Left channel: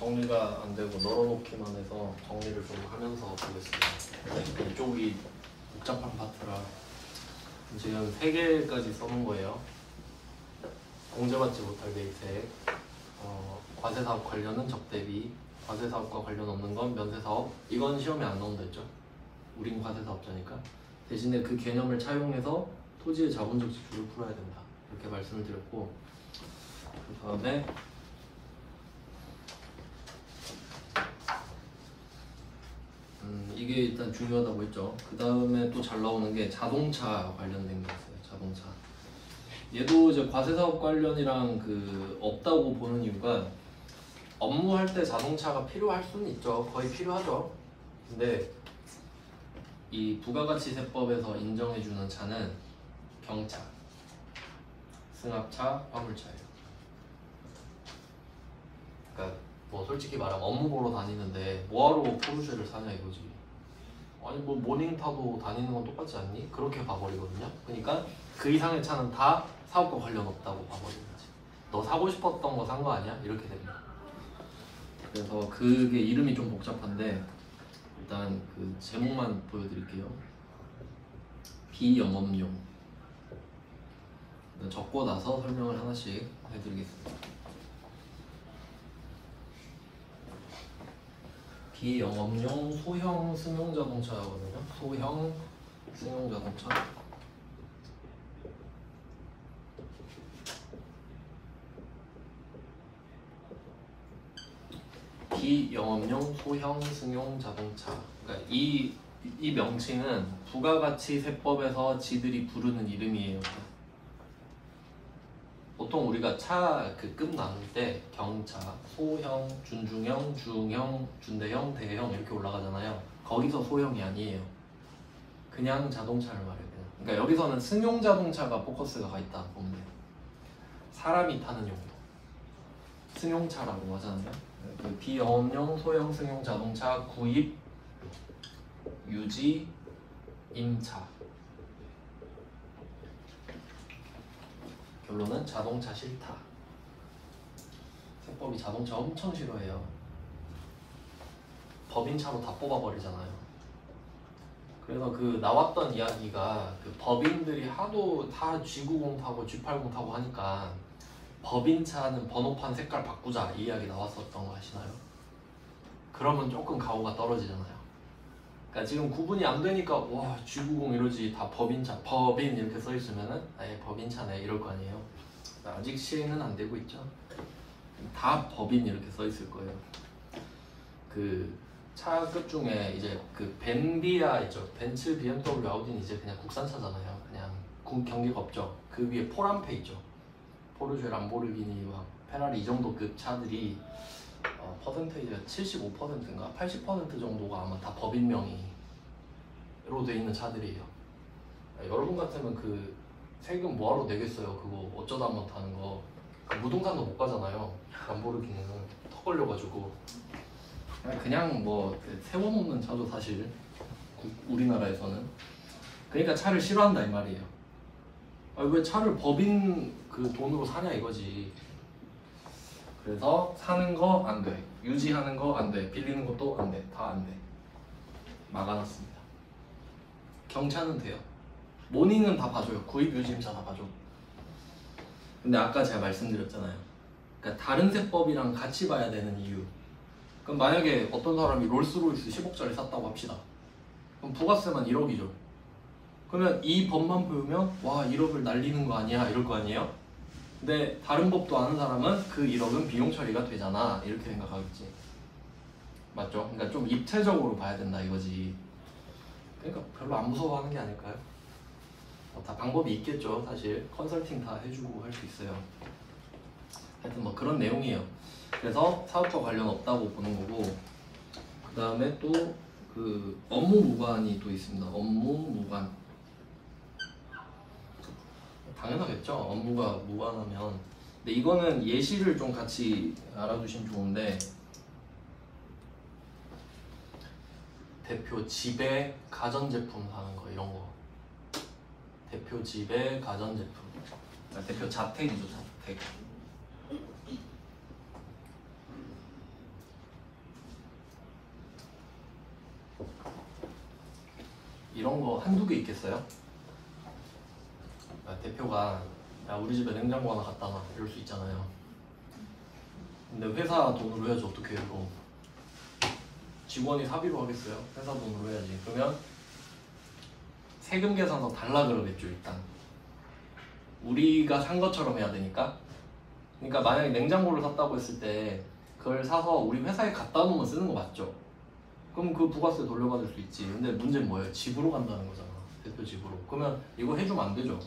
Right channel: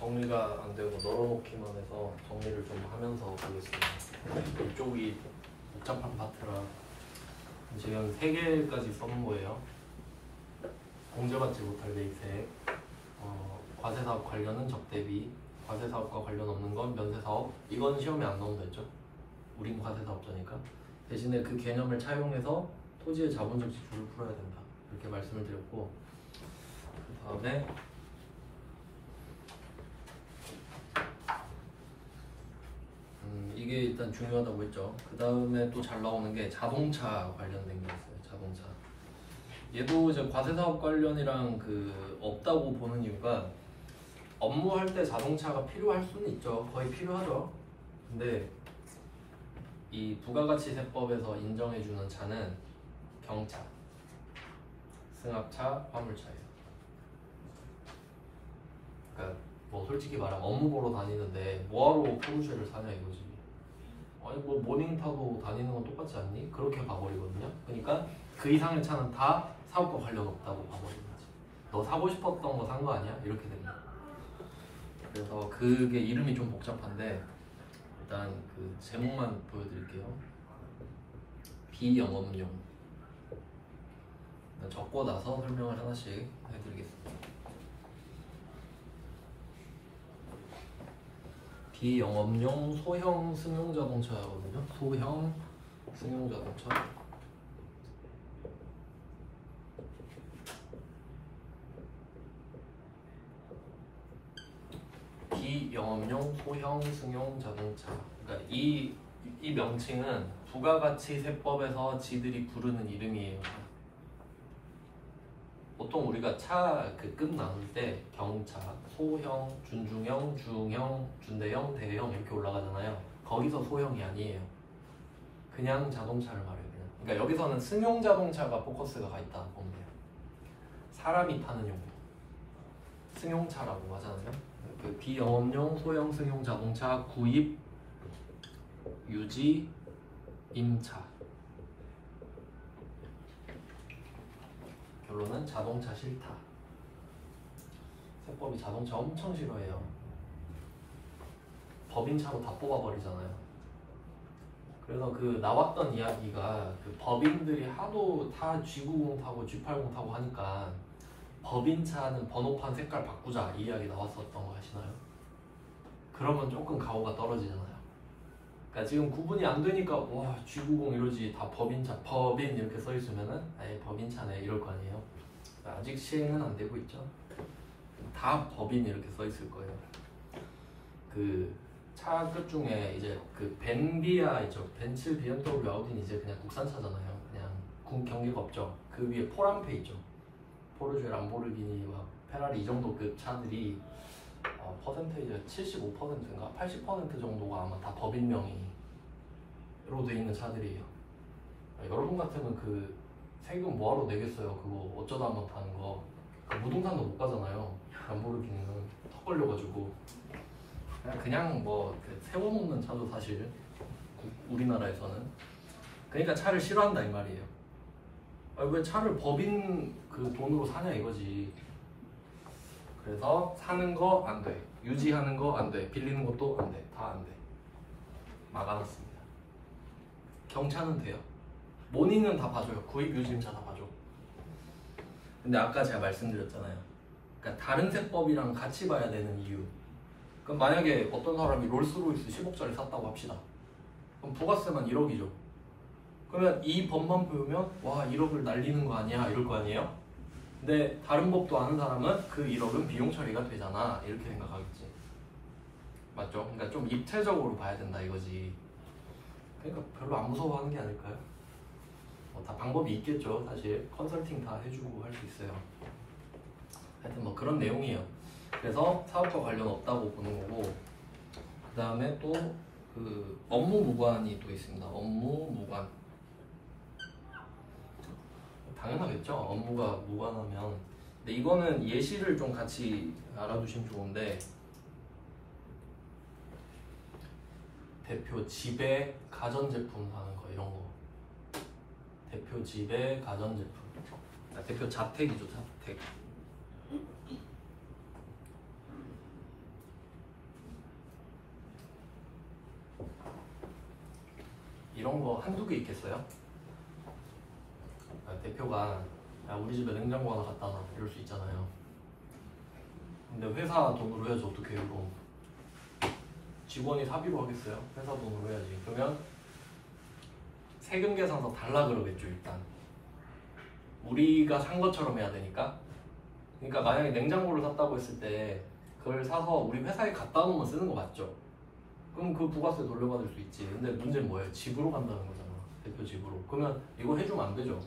정리가 안 되고 널어놓기만 해서 정리를 좀 하면서 보겠습니다. 이쪽이 복잡한 파트라 지금 3개까지 써놓은 거예요. 공제받지 못할 계획책, 과세사업 관련은 적대비, 과세사업과 관련 없는 건 면세사업. 이건 시험에 안 나온다 했죠. 우린 과세사업자니까. 대신에 그 개념을 차용해서 토지의 자본적 지출을 풀어야 된다. 이렇게 말씀을 드렸고, 그 다음에 이게 일단 중요하다고 했죠. 그 다음에 또 잘 나오는 게 자동차 관련된 게 있어요. 자동차. 얘도 이제 과세사업 관련이랑 없다고 보는 이유가 업무할 때 자동차가 필요할 수는 있죠. 거의 필요하죠. 근데 이 부가가치세법에서 인정해주는 차는 경차, 승합차, 화물차예요. 그러니까 뭐 솔직히 말하면 업무 보러 다니는데 뭐하러 포르쉐를 사냐 이거지. 아니 뭐 모닝 타고 다니는 건 똑같지 않니? 그렇게 봐버리거든요. 그러니까 그 이상의 차는 다 사업과 관련 없다고 봐버리는 거지. 너 사고 싶었던 거 산 거 아니야? 이렇게 됩니다. 그래서 그게 이름이 좀 복잡한데 일단 그 제목만 보여드릴게요. 비영업용. 적고 나서 설명을 하나씩 해드리겠습니다. 비영업용 소형 승용자동차거든요. 소형 승용자동차. 비영업용 소형 승용자동차. 그러니까 이 명칭은 부가가치세법에서 지들이 부르는 이름이에요. 보통 우리가 차 급 나눌 때 경차, 소형, 준중형, 중형, 준대형, 대형 이렇게 올라가잖아요. 거기서 소형이 아니에요. 그냥 자동차를 말해요. 그러니까 여기서는 승용자동차가 포커스가 가 있다 보면 돼요. 사람이 타는 용도. 승용차라고 하잖아요. 그 비영업용 소형 승용자동차 구입, 유지, 임차. 결론은 자동차 싫다. 세법이 자동차 엄청 싫어해요. 법인차로 다 뽑아버리잖아요. 그래서 나왔던 이야기가 법인들이 하도 다 G90 타고 G80 타고 하니까 법인차는 번호판 색깔 바꾸자 이 이야기 나왔었던 거 아시나요? 그러면 조금 가오가 떨어지잖아요. 그러니까 지금 구분이 안 되니까 와 G90 이러지 다 법인차, 법인 이렇게 써있으면은 아예 법인차네 이럴 거 아니에요. 아직 시행은 안 되고 있죠. 다 법인 이렇게 써있을 거예요. 차 끝 중에 이제 벤비아 있죠. 벤츠, BMW, 아우디는 이제 그냥 국산차잖아요. 그냥 경계가 없죠. 그 위에 포람페 있죠. 포르쉐, 람보르기니, 페라리 이 정도 급 차들이 퍼센테이지가 75%인가 80% 정도가 아마 다 법인명의로 돼 있는 차들이에요. 여러분 같으면 세금 뭐하러 내겠어요. 그거 어쩌다 한번 타는 거. 무등산도 못 가잖아요. 람보르기니는 턱 걸려가지고 그냥 뭐 세워놓는 차도 사실 우리나라에서는. 그러니까 차를 싫어한다 이 말이에요. 왜 차를 법인 돈으로 사냐 이거지. 그래서 사는 거 안 돼, 유지하는 거 안 돼, 빌리는 것도 안 돼, 다 안 돼. 막아놨습니다. 경차는 돼요. 모니는 다 봐줘요. 구입, 유지, 임차 다 봐줘. 근데 아까 제가 말씀드렸잖아요. 그러니까 다른 세법이랑 같이 봐야 되는 이유. 그럼 만약에 어떤 사람이 롤스로이스 10억짜리 샀다고 합시다. 그럼 부가세만 1억이죠. 그러면 이 법만 보면 와 1억을 날리는 거 아니야 이럴 거 아니에요? 근데 다른 법도 아는 사람은 그 1억은 비용 처리가 되잖아 이렇게 생각하겠지. 맞죠? 그러니까 좀 입체적으로 봐야 된다 이거지. 그러니까 별로 안 무서워하는 게 아닐까요? 다 방법이 있겠죠. 사실 컨설팅 다 해주고 할 수 있어요. 하여튼 뭐 그런 내용이에요. 그래서 사업과 관련 없다고 보는 거고, 그 다음에 또 업무 무관이 또 있습니다. 업무 무관. 당연하겠죠. 업무가 무관하면. 근데 이거는 예시를 좀 같이 알아두시면 좋은데, 대표 집에 가전제품 사는 거 이런 거. 대표 집에 가전제품. 대표 자택이죠. 자택. 이런 거 한두 개 있겠어요? 대표가 야 우리 집에 냉장고 하나 갖다 놔 이럴 수 있잖아요. 근데 회사 돈으로 해야지 어떻게 해요? 이거 직원이 사비로 하겠어요? 회사 돈으로 해야지. 그러면 세금 계산서 달라 그러겠죠. 일단 우리가 산 것처럼 해야 되니까. 그러니까 만약에 냉장고를 샀다고 했을 때 그걸 사서 우리 회사에 갖다 놓으면 쓰는 거 맞죠? 그럼 그 부가세 돌려받을 수 있지. 근데 문제는 뭐예요? 집으로 간다는 거잖아. 대표 집으로. 그러면 이거 해주면 안 되죠.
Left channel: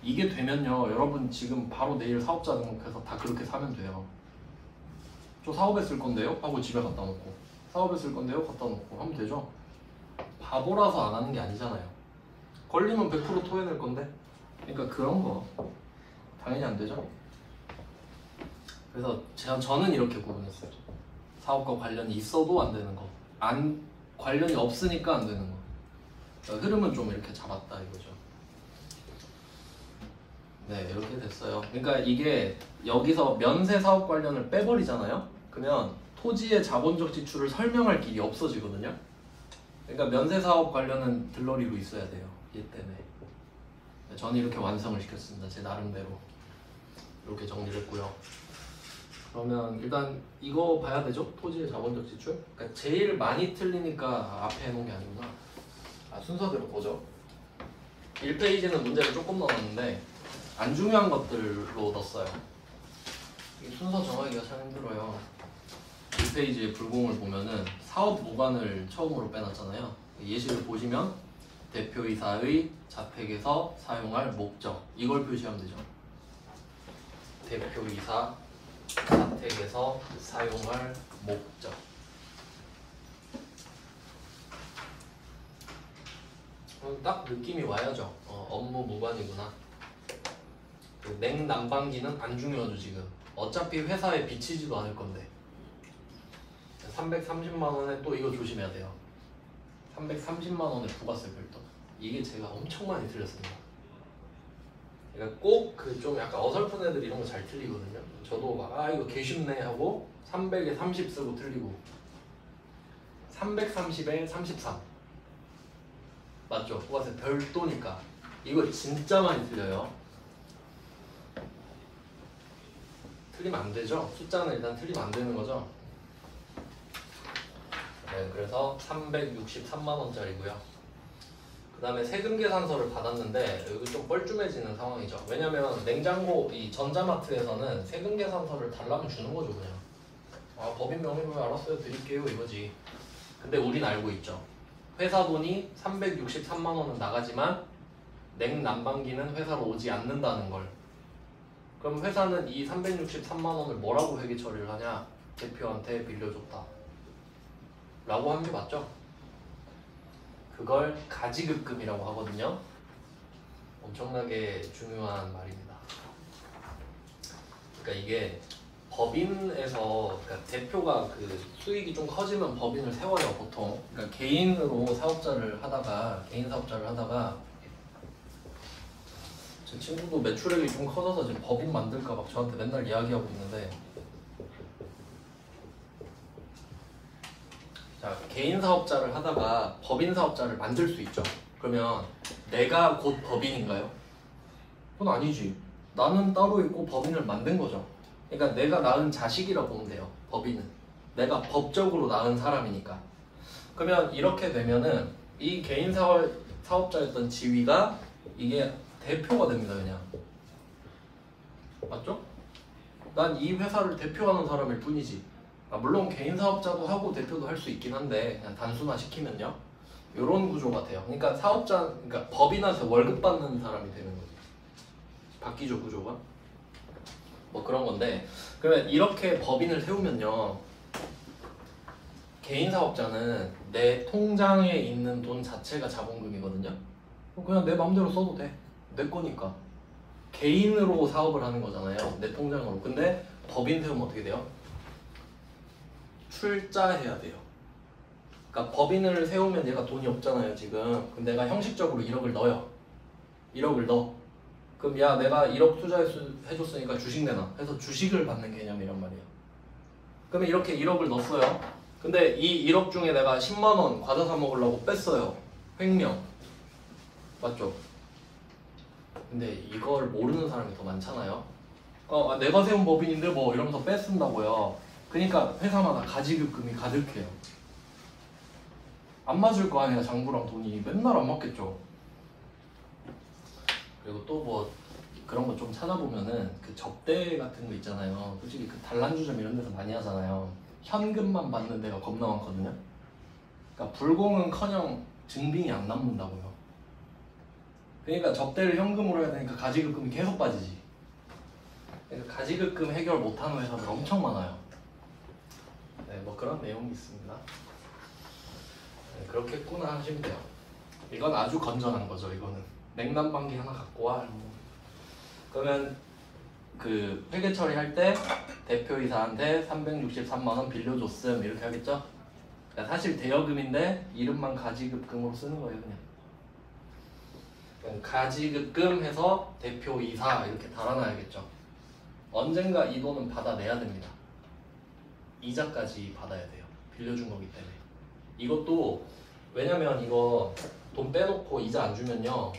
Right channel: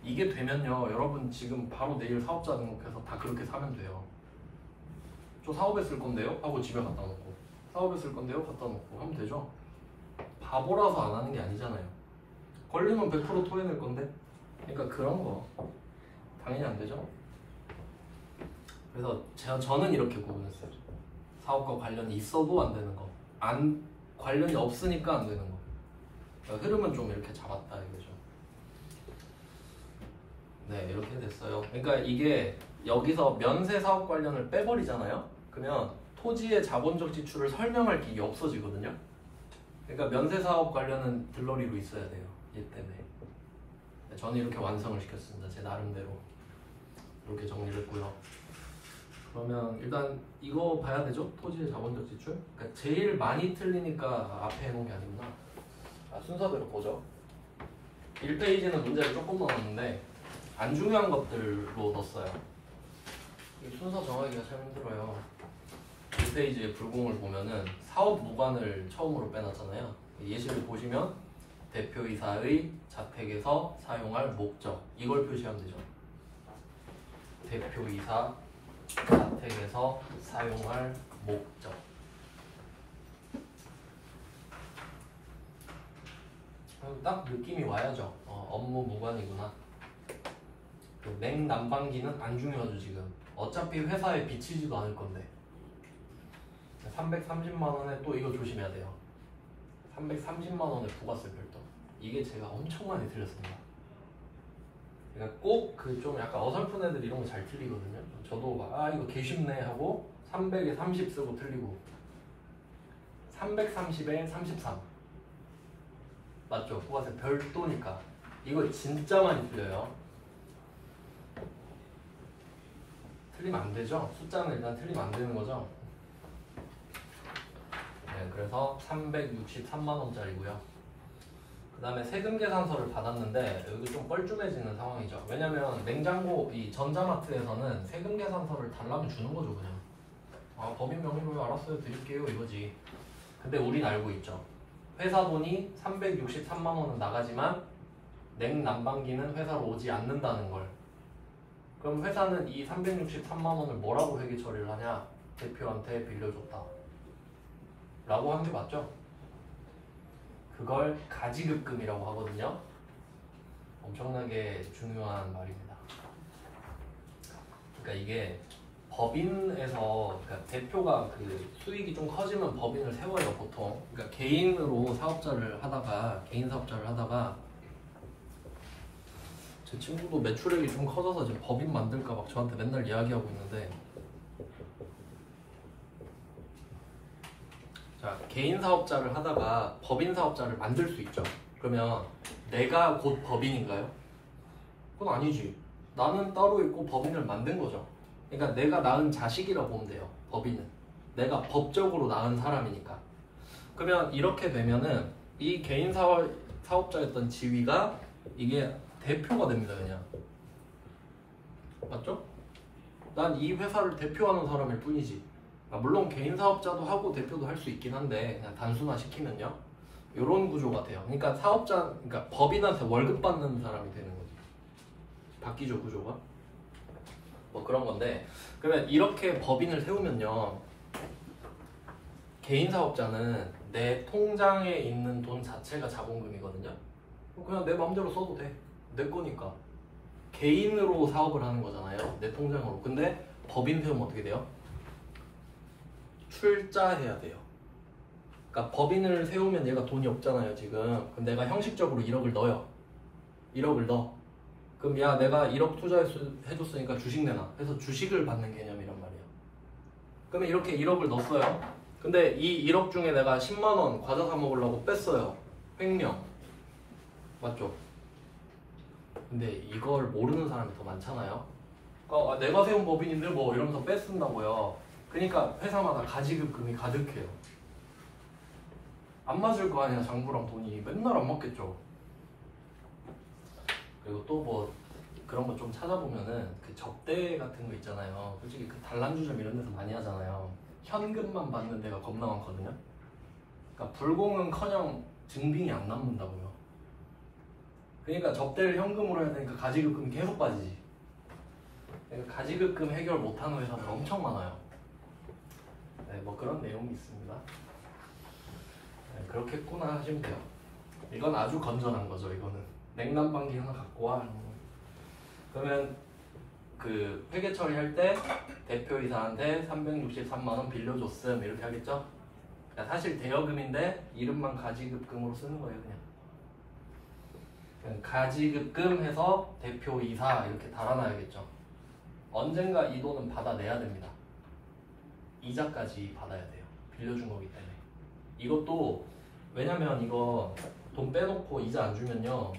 이게 되면요, 여러분 지금 바로 내일 사업자 등록해서 다 그렇게 사면 돼요. 저 사업에 쓸 건데요? 하고 집에 갖다 놓고, 사업에 쓸 건데요? 갖다 놓고 하면 되죠. 바보라서 안 하는 게 아니잖아요. 걸리면 100% 토해낼 건데. 그러니까 그런 거 당연히 안 되죠. 그래서 저는 이렇게 구분했어요. 사업과 관련이 있어도 안 되는 거, 안 관련이 없으니까 안 되는 거. 그러니까 흐름은 좀 이렇게 잡았다 이거죠. 네, 이렇게 됐어요. 그러니까 이게 여기서 면세 사업 관련을 빼버리잖아요. 그러면 토지의 자본적 지출을 설명할 길이 없어지거든요. 그러니까 면세 사업 관련은 들러리로 있어야 돼요. 이 때문에. 저는 이렇게 완성을 시켰습니다. 제 나름대로 이렇게 정리를 했고요. 그러면 일단 이거 봐야 되죠? 토지의 자본적 지출. 그러니까 제일 많이 틀리니까 앞에 해놓은 게 아니구나. 순서대로 보죠. 1페이지는 문제를 조금 넣었는데 안 중요한 것들로 넣었어요. 이 순서 정하기가 참 힘들어요. 1페이지의 불공을 보면은 사업 무관을 처음으로 빼놨잖아요. 예시를 보시면 대표이사의 자택에서 사용할 목적, 이걸 표시하면 되죠. 대표이사 자택에서 사용할 목적. 딱 느낌이 와야죠. 업무 무관이구나. 그 냉난방기는 안 중요하죠. 지금 어차피 회사에 비치지도 않을 건데. 330만 원에 또 이거 조심해야 돼요. 330만 원의 부가세 별도. 이게 제가 엄청 많이 틀렸습니다. 그러니까 꼭 그 좀 약간 어설픈 애들 이런 거 잘 틀리거든요. 저도 막 이거 개 쉽네 하고 300에 30 쓰고 틀리고 330에 33 맞죠? 부가세 별도니까 이거 진짜 많이 틀려요. 틀리면 안 되죠. 숫자는 일단 틀리면 안 되는 거죠. 네, 그래서 363만 원짜리고요. 그 다음에 세금 계산서를 받았는데 여기 좀 뻘쭘해지는 상황이죠. 왜냐면 냉장고 이 전자마트에서는 세금 계산서를 달라면 주는 거죠. 그냥 법인 명의로 알았어요 드릴게요 이거지. 근데 우린 알고 있죠. 회사 돈이 363만 원은 나가지만 냉난방기는 회사로 오지 않는다는 걸. 그럼 회사는 이 363만 원을 뭐라고 회계 처리를 하냐? 대표한테 빌려줬다 라고 하는 게 맞죠? 그걸 가지급금이라고 하거든요. 엄청나게 중요한 말입니다. 그러니까 이게 법인에서 그러니까 대표가 그 수익이 좀 커지면 법인을 세워요 보통. 그러니까 개인으로 사업자를 하다가 제 친구도 매출액이 좀 커져서 지금 법인 만들까 막 저한테 맨날 이야기하고 있는데, 자, 개인 사업자를 하다가 법인 사업자를 만들 수 있죠. 그러면 내가 곧 법인인가요? 그건 아니지. 나는 따로 있고 법인을 만든 거죠. 그러니까 내가 낳은 자식이라고 보면 돼요. 법인은 내가 법적으로 낳은 사람이니까. 그러면 이렇게 되면은 이 개인 사업자였던 지위가 이게 대표가 됩니다. 그냥 맞죠? 난 이 회사를 대표하는 사람일 뿐이지. 물론 개인 사업자도 하고 대표도 할 수 있긴 한데 그냥 단순화 시키면요 이런 구조 같아요. 그러니까 그러니까 법인한테 월급 받는 사람이 되는 거지. 바뀌죠 구조가. 뭐 그런 건데, 그러면 이렇게 법인을 세우면요 개인 사업자는 내 통장에 있는 돈 자체가 자본금이거든요. 그냥 내 마음대로 써도 돼. 내 거니까. 개인으로 사업을 하는 거잖아요. 내 통장으로. 근데 법인 세우면 어떻게 돼요? 출자해야 돼요. 그러니까 법인을 세우면 얘가 돈이 없잖아요 지금. 그럼 내가 형식적으로 1억을 넣어요. 1억을 넣어. 그럼 야 내가 1억 투자해줬으니까 주식 내놔 해서 주식을 받는 개념이란 말이에요. 그러면 이렇게 1억을 넣었어요. 근데 이 1억 중에 내가 10만원 과자 사 먹으려고 뺐어요. 횡령 맞죠? 근데 이걸 모르는 사람이 더 많잖아요. 내가 세운 법인인데 뭐 이러면서 뺏쓴다고요. 그러니까 회사마다 가지급금이 가득해요. 안 맞을 거 아니야. 장부랑 돈이 맨날 안 맞겠죠. 그리고 또 뭐 그런 거 좀 찾아보면은 그 접대 같은 거 있잖아요. 솔직히 그 단란주점 이런 데서 많이 하잖아요. 현금만 받는 데가 겁나 많거든요. 그러니까 불공은커녕 증빙이 안 남는다고요. 그러니까 접대를 현금으로 해야 되니까 가지급금이 계속 빠지지. 그러니까 가지급금 해결 못하는 회사들 엄청 많아요. 네, 뭐 그런 내용이 있습니다. 네, 그렇겠구나 하시면 돼요. 이건 아주 건전한 거죠. 이거는 냉난방기 하나 갖고 와. 그러면 그 회계 처리할 때 대표이사한테 363만 원 빌려줬음 이렇게 하겠죠? 그러니까 사실 대여금인데 이름만 가지급금으로 쓰는 거예요. 그냥 가지급금 해서 대표이사 이렇게 달아놔야겠죠. 언젠가 이 돈은 받아내야 됩니다. 이자까지 받아야 돼요. 빌려준 거기 때문에. 이것도 왜냐면 이거 돈 빼놓고 이자 안 주면요,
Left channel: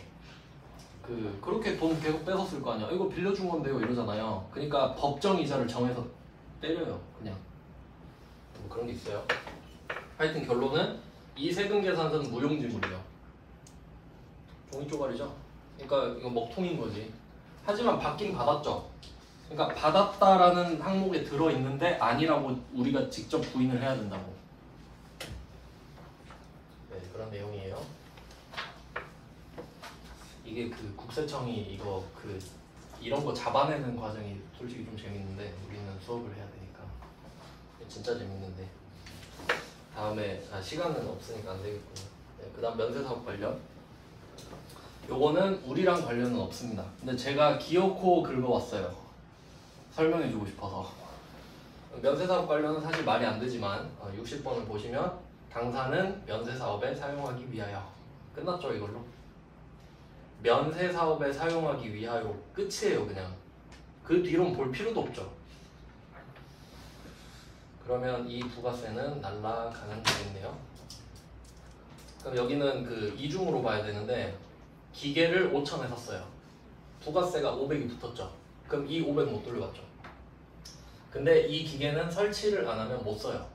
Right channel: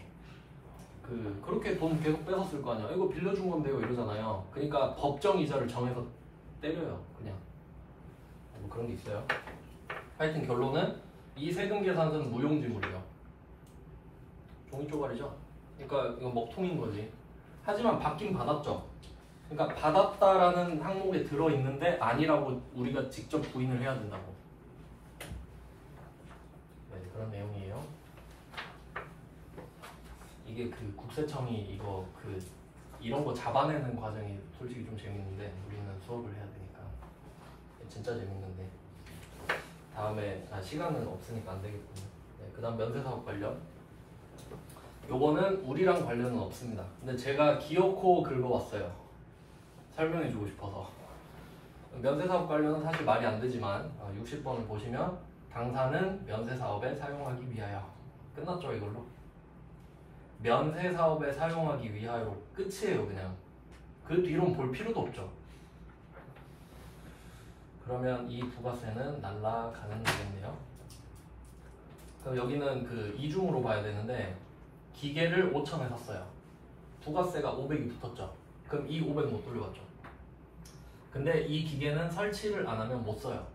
그렇게 돈 계속 뺏었을 거 아니야. 이거 빌려준 건데요 이러잖아요. 그러니까 법정 이자를 정해서 때려요. 그냥 뭐 그런 게 있어요. 하여튼 결론은 이 세금 계산서는 무용지물이에요. 종이 쪼가리죠. 그러니까 이거 먹통인 거지. 하지만 받긴 받았죠. 그러니까 받았다라는 항목에 들어있는데 아니라고 우리가 직접 부인을 해야 된다고. 네, 그런 내용이에요. 이게 그 국세청이 이거 이런 거 잡아내는 과정이 솔직히 좀 재밌는데 우리는 수업을 해야 되니까 진짜 재밌는데 다음에 시간은 없으니까 안 되겠군요. 네, 그다음 면세사업 관련. 요거는 우리랑 관련은 없습니다. 근데 제가 기어코 긁어왔어요. 설명해주고 싶어서. 면세사업 관련은 사실 말이 안 되지만 60번을 보시면 당사는 면세사업에 사용하기 위하여 끝났죠 이걸로. 면세사업에 사용하기 위하여로 끝이에요 그냥. 그 뒤로는 볼 필요도 없죠. 그러면 이 부가세는 날라가는 거겠네요. 그럼 여기는 그 이중으로 봐야 되는데 기계를 5,000에 샀어요. 부가세가 500이 붙었죠. 그럼 이 500 못 돌려받죠. 근데 이 기계는 설치를 안 하면 못 써요.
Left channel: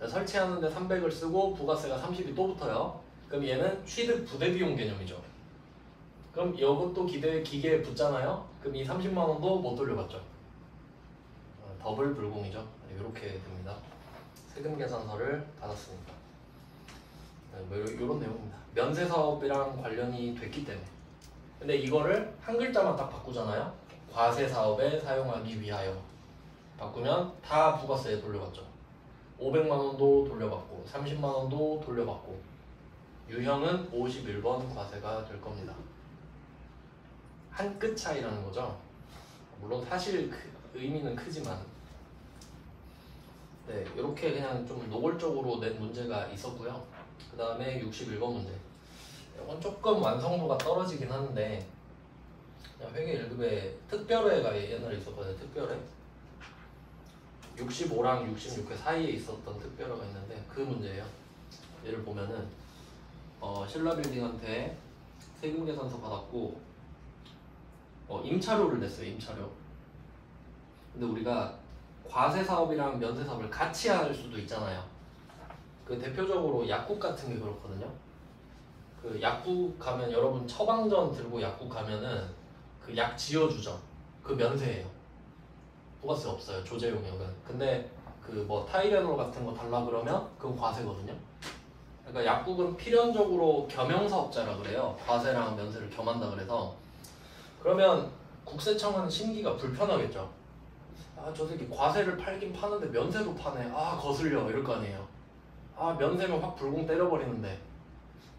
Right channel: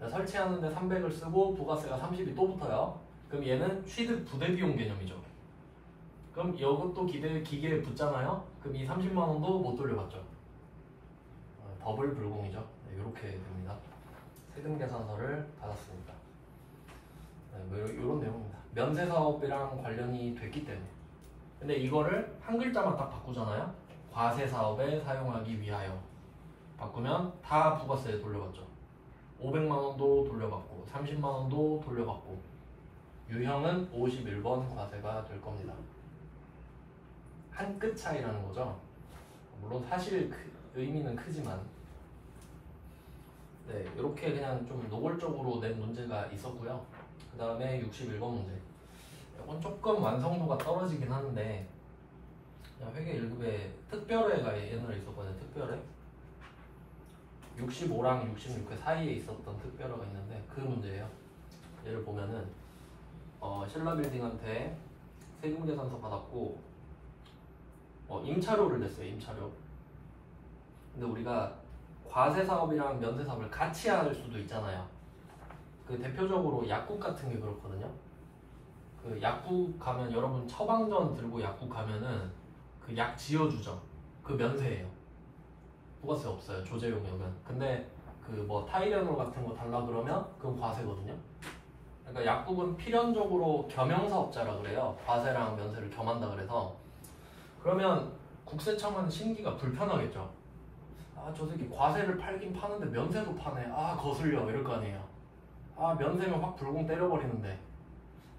설치하는데 300을 쓰고 부가세가 30이 또 붙어요. 그럼 얘는 취득 부대 비용 개념이죠. 그럼 이것도 기계에 붙잖아요. 그럼 이 30만 원도 못 돌려받죠. 더블 불공이죠. 이렇게 됩니다. 세금 계산서를 받았습니다. 뭐 이런 내용입니다. 면세사업이랑 관련이 됐기 때문에. 근데 이거를 한 글자만 딱 바꾸잖아요. 과세사업에 사용하기 위하여 바꾸면 다 부가세에 돌려받죠. 500만 원도 돌려받고 30만 원도 돌려받고 유형은 51번 과세가 될 겁니다. 한 끗 차이라는 거죠. 물론 사실 의미는 크지만 네, 이렇게 그냥 좀 노골적으로 낸 문제가 있었고요. 그 다음에 61번 문제. 이건 조금 완성도가 떨어지긴 하는데 그냥 회계 1급에 특별회가 옛날에 있었거든요. 특별회 65랑 66회 사이에 있었던 특별회가 있는데 그 문제예요. 얘를 보면은 신라빌딩한테 세금계산서 받았고 임차료를 냈어요. 임차료. 근데 우리가 과세사업이랑 면세사업을 같이 할 수도 있잖아요. 그 대표적으로 약국 같은 게 그렇거든요. 그 약국 가면 여러분 처방전 들고 약국 가면은 그 약 지어주죠. 그 면세예요. 부가세 없어요. 조제용역은. 근데 그 뭐 타이레놀 같은 거 달라 그러면 그건 과세거든요. 그러니까 약국은 필연적으로 겸용사업자라 그래요. 과세랑 면세를 겸한다 그래서. 그러면 국세청은 심기가 불편하겠죠. 저 새끼 과세를 팔긴 파는데 면세도 파네. 거슬려 이럴 거 아니에요. 면세면 확 불공 때려버리는데.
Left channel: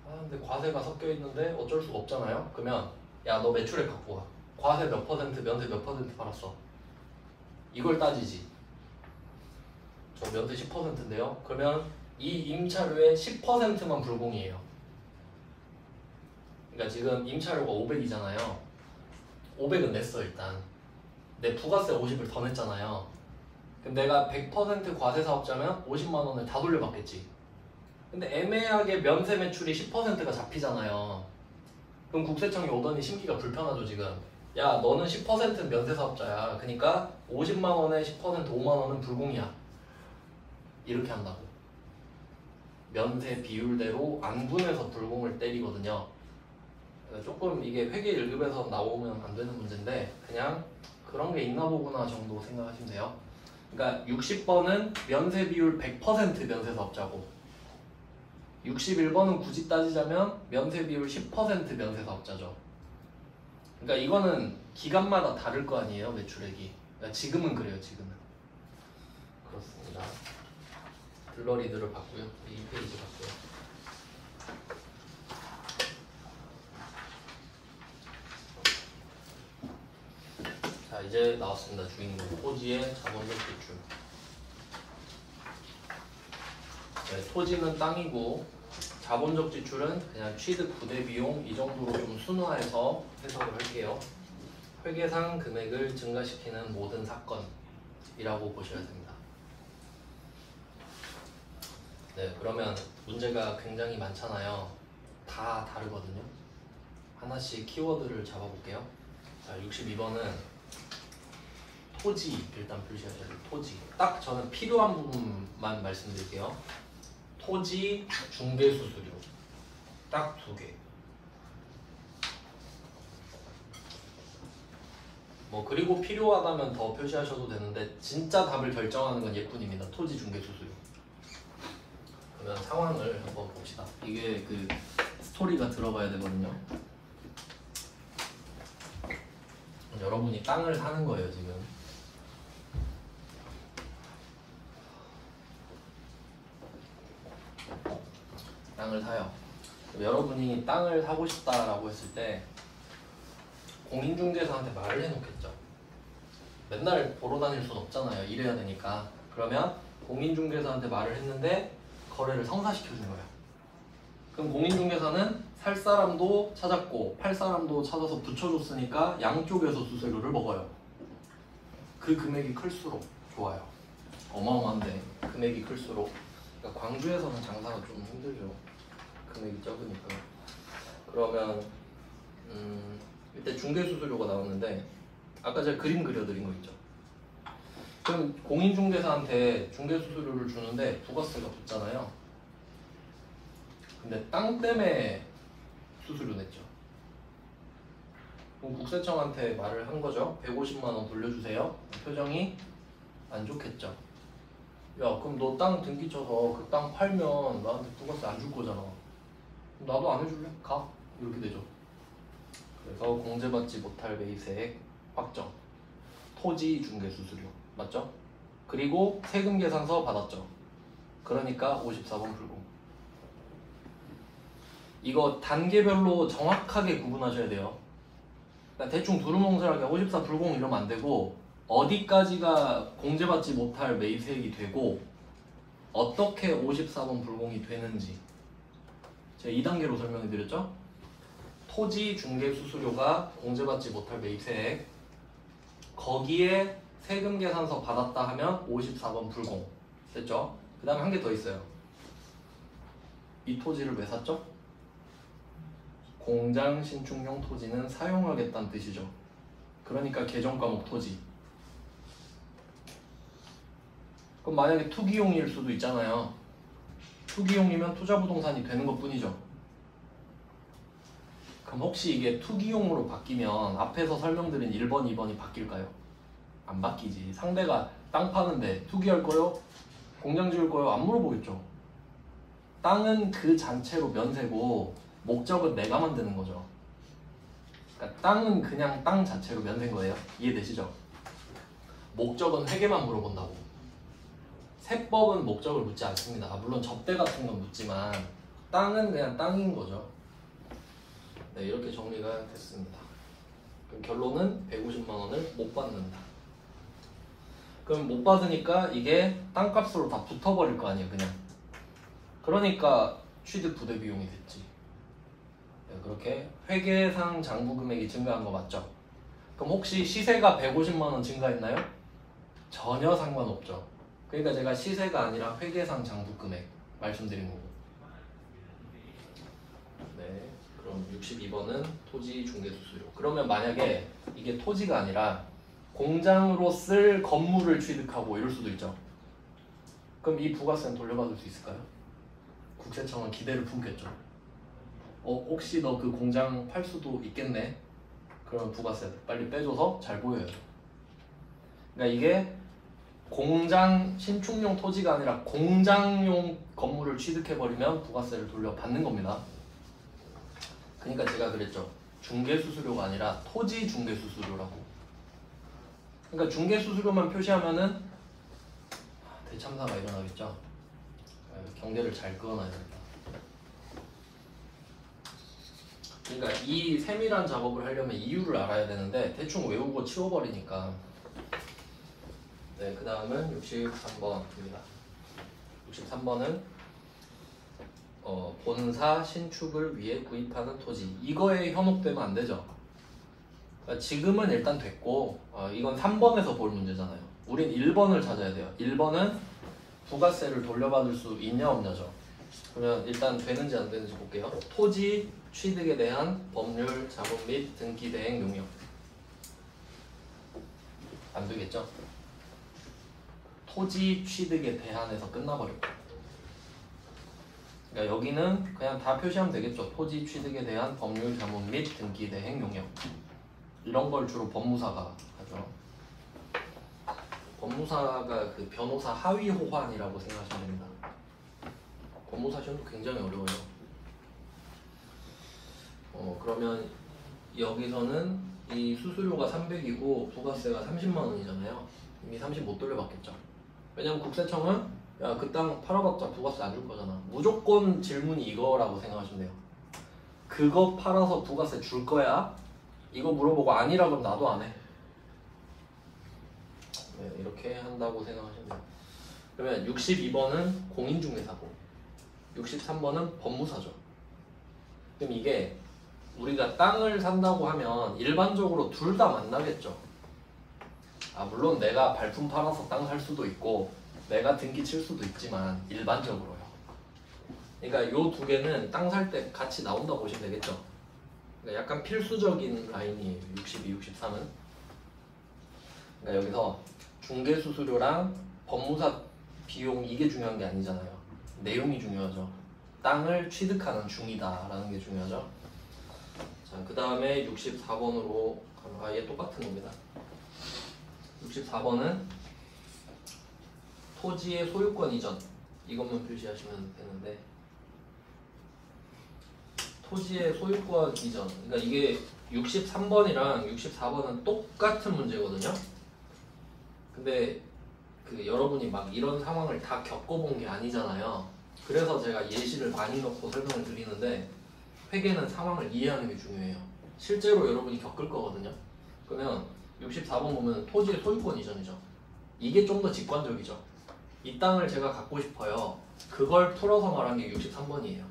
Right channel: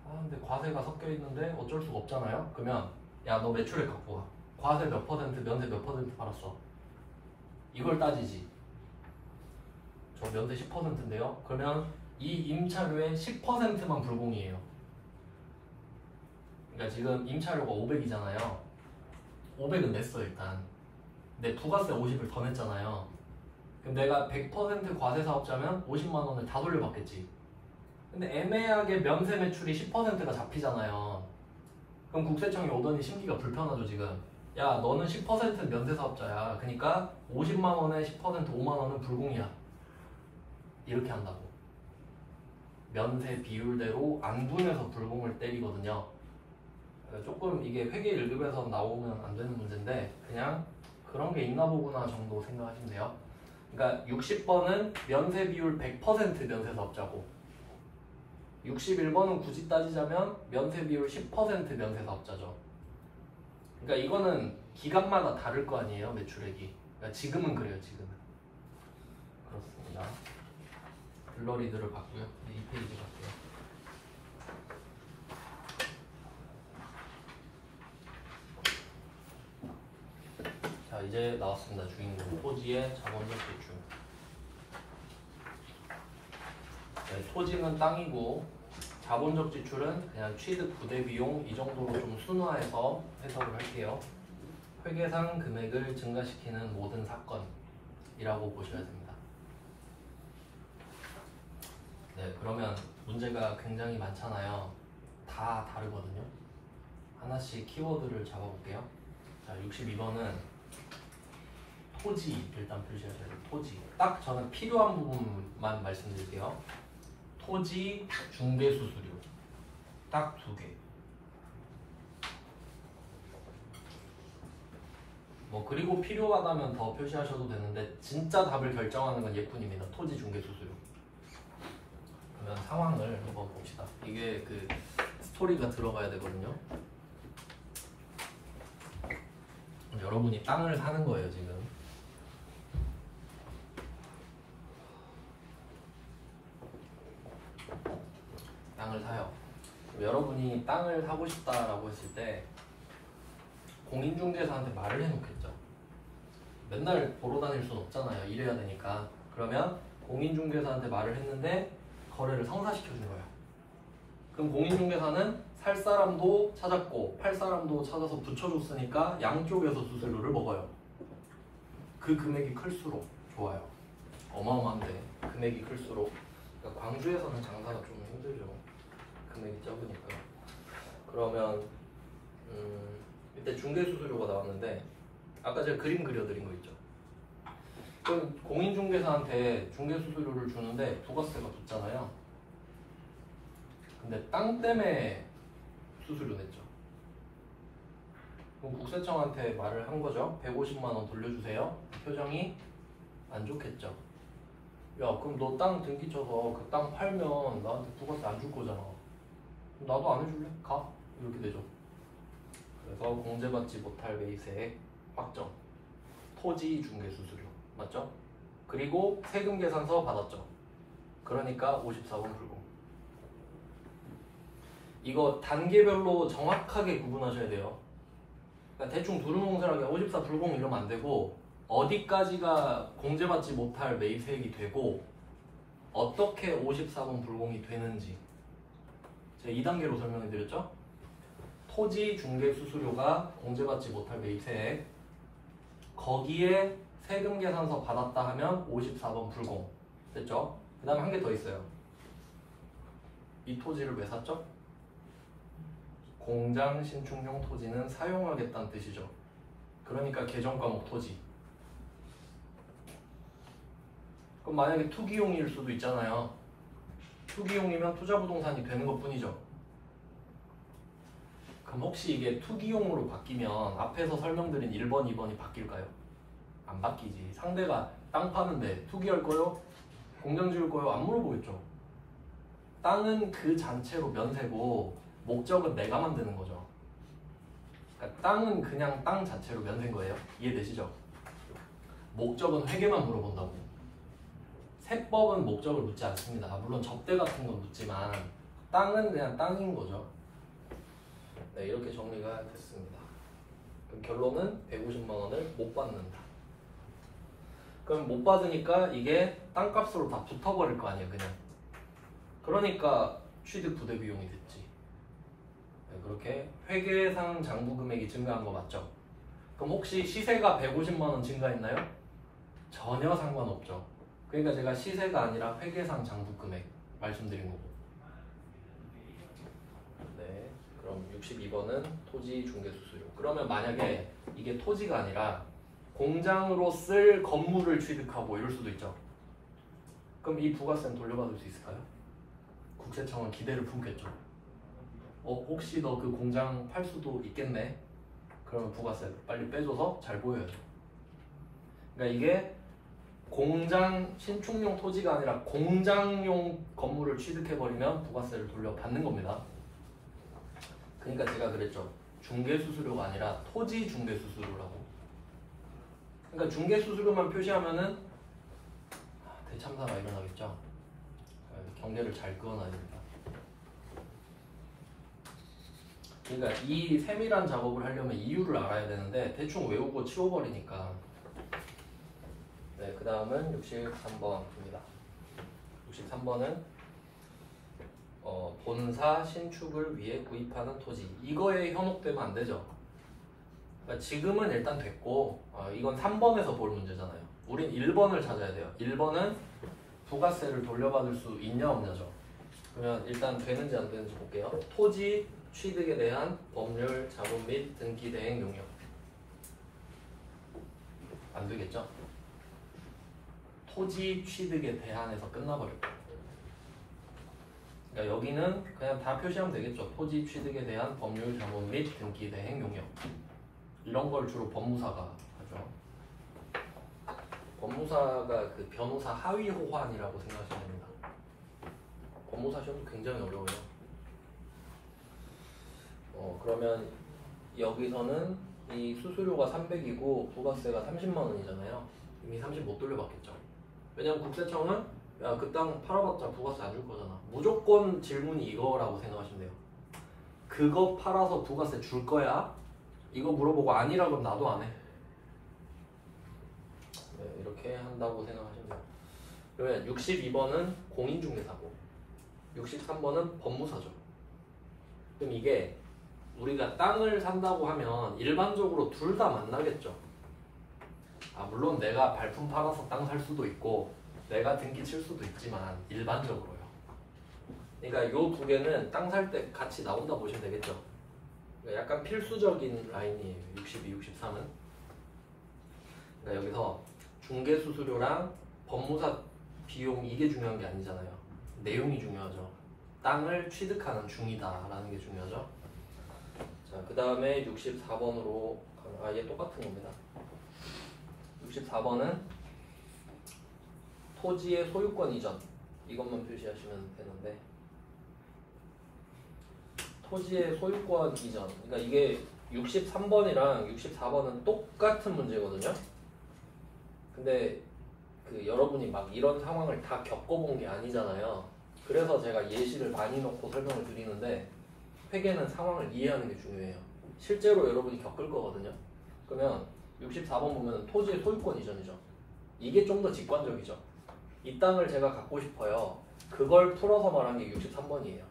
근데 과세가 섞여 있는데 어쩔 수가 없잖아요. 그러면 야 너 매출액 갖고 와. 과세 몇 퍼센트, 면세 몇 퍼센트 받았어. 이걸 따지지. 저 면세 10%인데요. 그러면 이 임차료의 10%만 불공이에요. 그러니까 지금 임차료가 500이잖아요. 500은 냈어 일단. 내 부가세 50을 더 냈잖아요. 그럼 내가 100% 과세 사업자면 50만 원을 다 돌려받겠지. 근데 애매하게 면세 매출이 10%가 잡히잖아요. 그럼 국세청이 오더니 심기가 불편하죠 지금. 야 너는 10% 면세 사업자야. 그러니까 50만 원에 10% 5만 원은 불공이야. 이렇게 한다고. 면세 비율대로 안분해서 불공을 때리거든요. 그러니까 조금 이게 회계 1급에서 나오면 안 되는 문제인데 그냥 그런 게 있나 보구나 정도 생각하시면 돼요. 그러니까 60번은 면세 비율 100% 면세 사업자고 61번은 굳이 따지자면 면세 비율 10% 면세 사업자죠. 그러니까 이거는 기간마다 다를 거 아니에요 매출액이. 그러니까 지금은 그래요 지금은. 그렇습니다. 블러리드를 봤고요. 2페이지 봤고요. 자 이제 나왔습니다. 주인공 토지의 자본적 지출. 네, 토지는 땅이고 자본적 지출은 그냥 취득 부대 비용 이 정도로 좀 순화해서 해석을 할게요. 회계상 금액을 증가시키는 모든 사건이라고 보셔야 됩니다. 네, 그러면 문제가 굉장히 많잖아요. 다 다르거든요. 하나씩 키워드를 잡아볼게요. 자, 62번은 토지 일단 표시해야 돼요. 토지. 딱 저는 필요한 부분만 말씀드릴게요. 토지 중개수수료 딱 2개. 뭐 그리고 필요하다면 더 표시하셔도 되는데 진짜 답을 결정하는 건 얘뿐입니다. 토지 중개수수료. 그러면 상황을 한번 봅시다. 이게 그 스토리가 들어가야 되거든요. 여러분이 땅을 사는 거예요 지금. 땅을 사요. 여러분이 땅을 사고 싶다라고 했을 때 공인중개사한테 말을 해놓겠죠. 맨날 보러 다닐 순 없잖아요. 일해야 되니까. 그러면 공인중개사한테 말을 했는데 거래를 성사시켜준 거야. 그럼 공인중개사는 살 사람도 찾았고 팔 사람도 찾아서 붙여줬으니까 양쪽에서 수수료를 먹어요. 그 금액이 클수록 좋아요. 어마어마한데 금액이 클수록. 그러니까 광주에서는 장사가 좀 힘들죠. 금액이 적으니까. 그러면 이때 중개수수료가 나왔는데 아까 제가 그림 그려드린 거 있죠. 그럼 공인중개사한테 중개수수료를 주는데 부가세가 붙잖아요. 근데 땅 때문에 수수료 냈죠. 그럼 국세청한테 말을 한 거죠. 150만 원 돌려주세요. 표정이 안 좋겠죠. 야 그럼 너 땅 등기 쳐서 그 땅 팔면 나한테 부가세 안 줄 거잖아. 그럼 나도 안 해줄래? 가? 이렇게 되죠. 그래서 공제받지 못할 매입세액 확정. 토지 중개 수수료 맞죠? 그리고 세금 계산서 받았죠. 그러니까 54번 불공. 이거 단계별로 정확하게 구분하셔야 돼요. 그러니까 대충 두루뭉술하게 54 불공 이러면 안 되고 어디까지가 공제받지 못할 매입세액이 되고 어떻게 54번 불공이 되는지 제가 2단계로 설명해 드렸죠? 토지 중개 수수료가 공제받지 못할 매입세액 거기에 세금 계산서 받았다 하면 54번 불공 됐죠? 그 다음 한 개 더 있어요. 이 토지를 왜 샀죠? 공장 신축용 토지는 사용하겠다는 뜻이죠. 그러니까 개정과목 토지. 그럼 만약에 투기용일 수도 있잖아요. 투기용이면 투자부동산이 되는 것 뿐이죠. 그럼 혹시 이게 투기용으로 바뀌면 앞에서 설명드린 1번, 2번이 바뀔까요? 안 바뀌지. 상대가 땅 파는데 투기할 거요? 공장 지을 거요? 안 물어보겠죠. 땅은 그 자체로 면세고 목적은 내가 만드는 거죠. 그러니까 땅은 그냥 땅 자체로 면세인 거예요. 이해되시죠? 목적은 회계만 물어본다고. 세법은 목적을 묻지 않습니다. 물론 접대 같은 건 묻지만 땅은 그냥 땅인 거죠. 네, 이렇게 정리가 됐습니다. 그럼 결론은 150만 원을 못 받는다. 그럼 못 받으니까 이게 땅값으로 다 붙어버릴 거 아니에요, 그냥. 그러니까 취득 부대 비용이 됐지. 네, 그렇게 회계상 장부 금액이 증가한 거 맞죠? 그럼 혹시 시세가 150만 원 증가했나요? 전혀 상관없죠. 그러니까 제가 시세가 아니라 회계상 장부 금액 말씀드린 거고. 그럼 62번은 토지 중개 수수료. 그러면 만약에 이게 토지가 아니라 공장으로 쓸 건물을 취득하고 이럴 수도 있죠. 그럼 이 부가세는 돌려받을 수 있을까요? 국세청은 기대를 품겠죠. 혹시 너 그 공장 팔 수도 있겠네? 그러면 부가세 빨리 빼줘서 잘 보여요. 그러니까 이게 공장 신축용 토지가 아니라 공장용 건물을 취득해버리면 부가세를 돌려받는 겁니다. 그러니까 제가 그랬죠. 중개수수료가 아니라 토지 중개수수료라고. 그러니까 중개수수료만 표시하면은 대참사가 일어나겠죠. 경계를 잘 그어놔야 됩니다. 그러니까 이 세밀한 작업을 하려면 이유를 알아야 되는데 대충 외우고 치워버리니까. 네, 그 다음은 63번입니다. 63번은 본사 신축을 위해 구입하는 토지. 이거에 현혹되면 안 되죠. 그러니까 지금은 일단 됐고 이건 3번에서 볼 문제잖아요. 우린 1번을 찾아야 돼요. 1번은 부가세를 돌려받을 수 있냐 없냐죠. 그러면 일단 되는지 안 되는지 볼게요. 토지 취득에 대한 법률, 자본 및 등기 대행 용역. 안 되겠죠? 토지 취득에 대한해서 끝나버려요. 그러니까 여기는 그냥 다 표시하면 되겠죠. 토지 취득에 대한 법률, 자본 및 등기 대행 용역. 이런 걸 주로 법무사가 하죠. 법무사가 그 변호사 하위 호환이라고 생각하시면 됩니다. 법무사 시험도 굉장히 어려워요. 그러면 여기서는 이 수수료가 300이고 부가세가 30만 원이잖아요. 이미 30 못 돌려받겠죠. 왜냐면 국세청은 야, 그 땅 팔아봤자 부가세 안 줄 거잖아. 무조건 질문이 이거라고 생각하시면 돼요. 그거 팔아서 부가세 줄 거야? 이거 물어보고 아니라 그러면 나도 안 해. 네, 이렇게 한다고 생각하시면 돼요. 그러면 62번은 공인중개사고 63번은 법무사죠. 그럼 이게 우리가 땅을 산다고 하면 일반적으로 둘 다 만나겠죠. 물론 내가 발품 팔아서 땅 살 수도 있고 내가 등기 칠 수도 있지만 일반적으로요. 그러니까 요 두 개는 땅 살 때 같이 나온다 보시면 되겠죠. 그러니까 약간 필수적인 라인이에요. 62, 63은. 그러니까 여기서 중개수수료랑 법무사 비용 이게 중요한 게 아니잖아요. 내용이 중요하죠. 땅을 취득하는 중이다라는 게 중요하죠. 자, 그 다음에 64번으로 얘 똑같은 겁니다. 64번은 토지의 소유권 이전 이것만 표시하시면 되는데 토지의 소유권 이전 그러니까 이게 63번이랑 64번은 똑같은 문제거든요. 근데 여러분이 막 이런 상황을 다 겪어본 게 아니잖아요. 그래서 제가 예시를 많이 넣고 설명을 드리는데 회계는 상황을 이해하는 게 중요해요. 실제로 여러분이 겪을 거거든요. 그러면 64번 보면 토지의 소유권 이전이죠. 이게 좀 더 직관적이죠. 이 땅을 제가 갖고 싶어요. 그걸 풀어서 말한 게 63번이에요.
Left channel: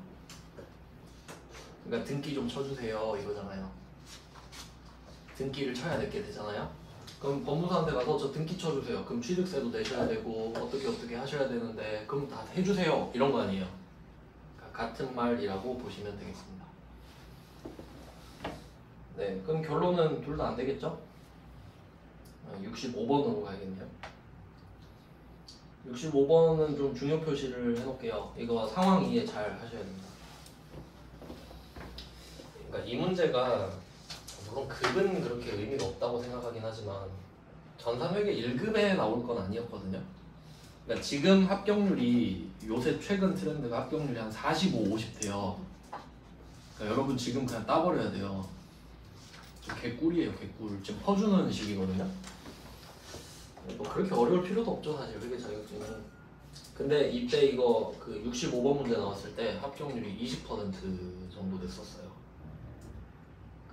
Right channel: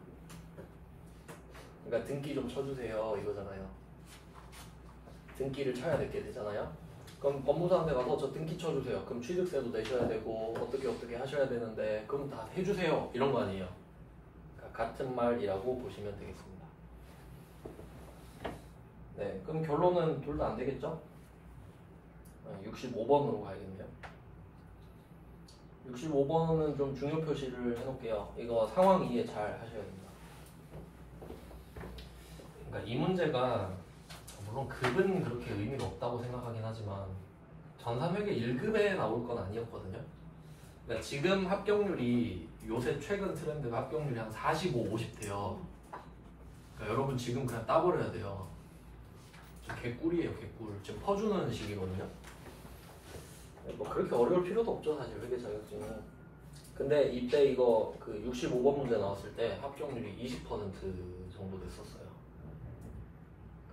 그러니까 등기 좀 쳐주세요 이거잖아요. 등기를 쳐야 되게 되잖아요. 그럼 법무사한테 가서 저 등기 쳐주세요. 그럼 취득세도 내셔야 되고 어떻게 하셔야 되는데 그럼 다 해주세요 이런 거 아니에요. 그러니까 같은 말이라고 보시면 되겠습니다. 네, 그럼 결론은 둘 다 안 되겠죠? 65번으로 가야겠네요. 65번은 좀 중요 표시를 해놓을게요. 이거 상황 이해 잘 하셔야 됩니다. 그러니까 이 문제가 물론 급은 그렇게 의미가 없다고 생각하긴 하지만 전산회계 1급에 나올 건 아니었거든요. 그러니까 지금 합격률이 요새 최근 트렌드가 합격률이 한 45, 50대요. 그러니까 여러분 지금 그냥 따버려야 돼요. 개꿀이에요, 개꿀. 지금 퍼주는 시기거든요. 뭐 그렇게 어려울 필요도 없죠, 사실 회계 자격증은. 근데 이때 이거 그 65번 문제 나왔을 때 합격률이 20% 정도 됐었어요.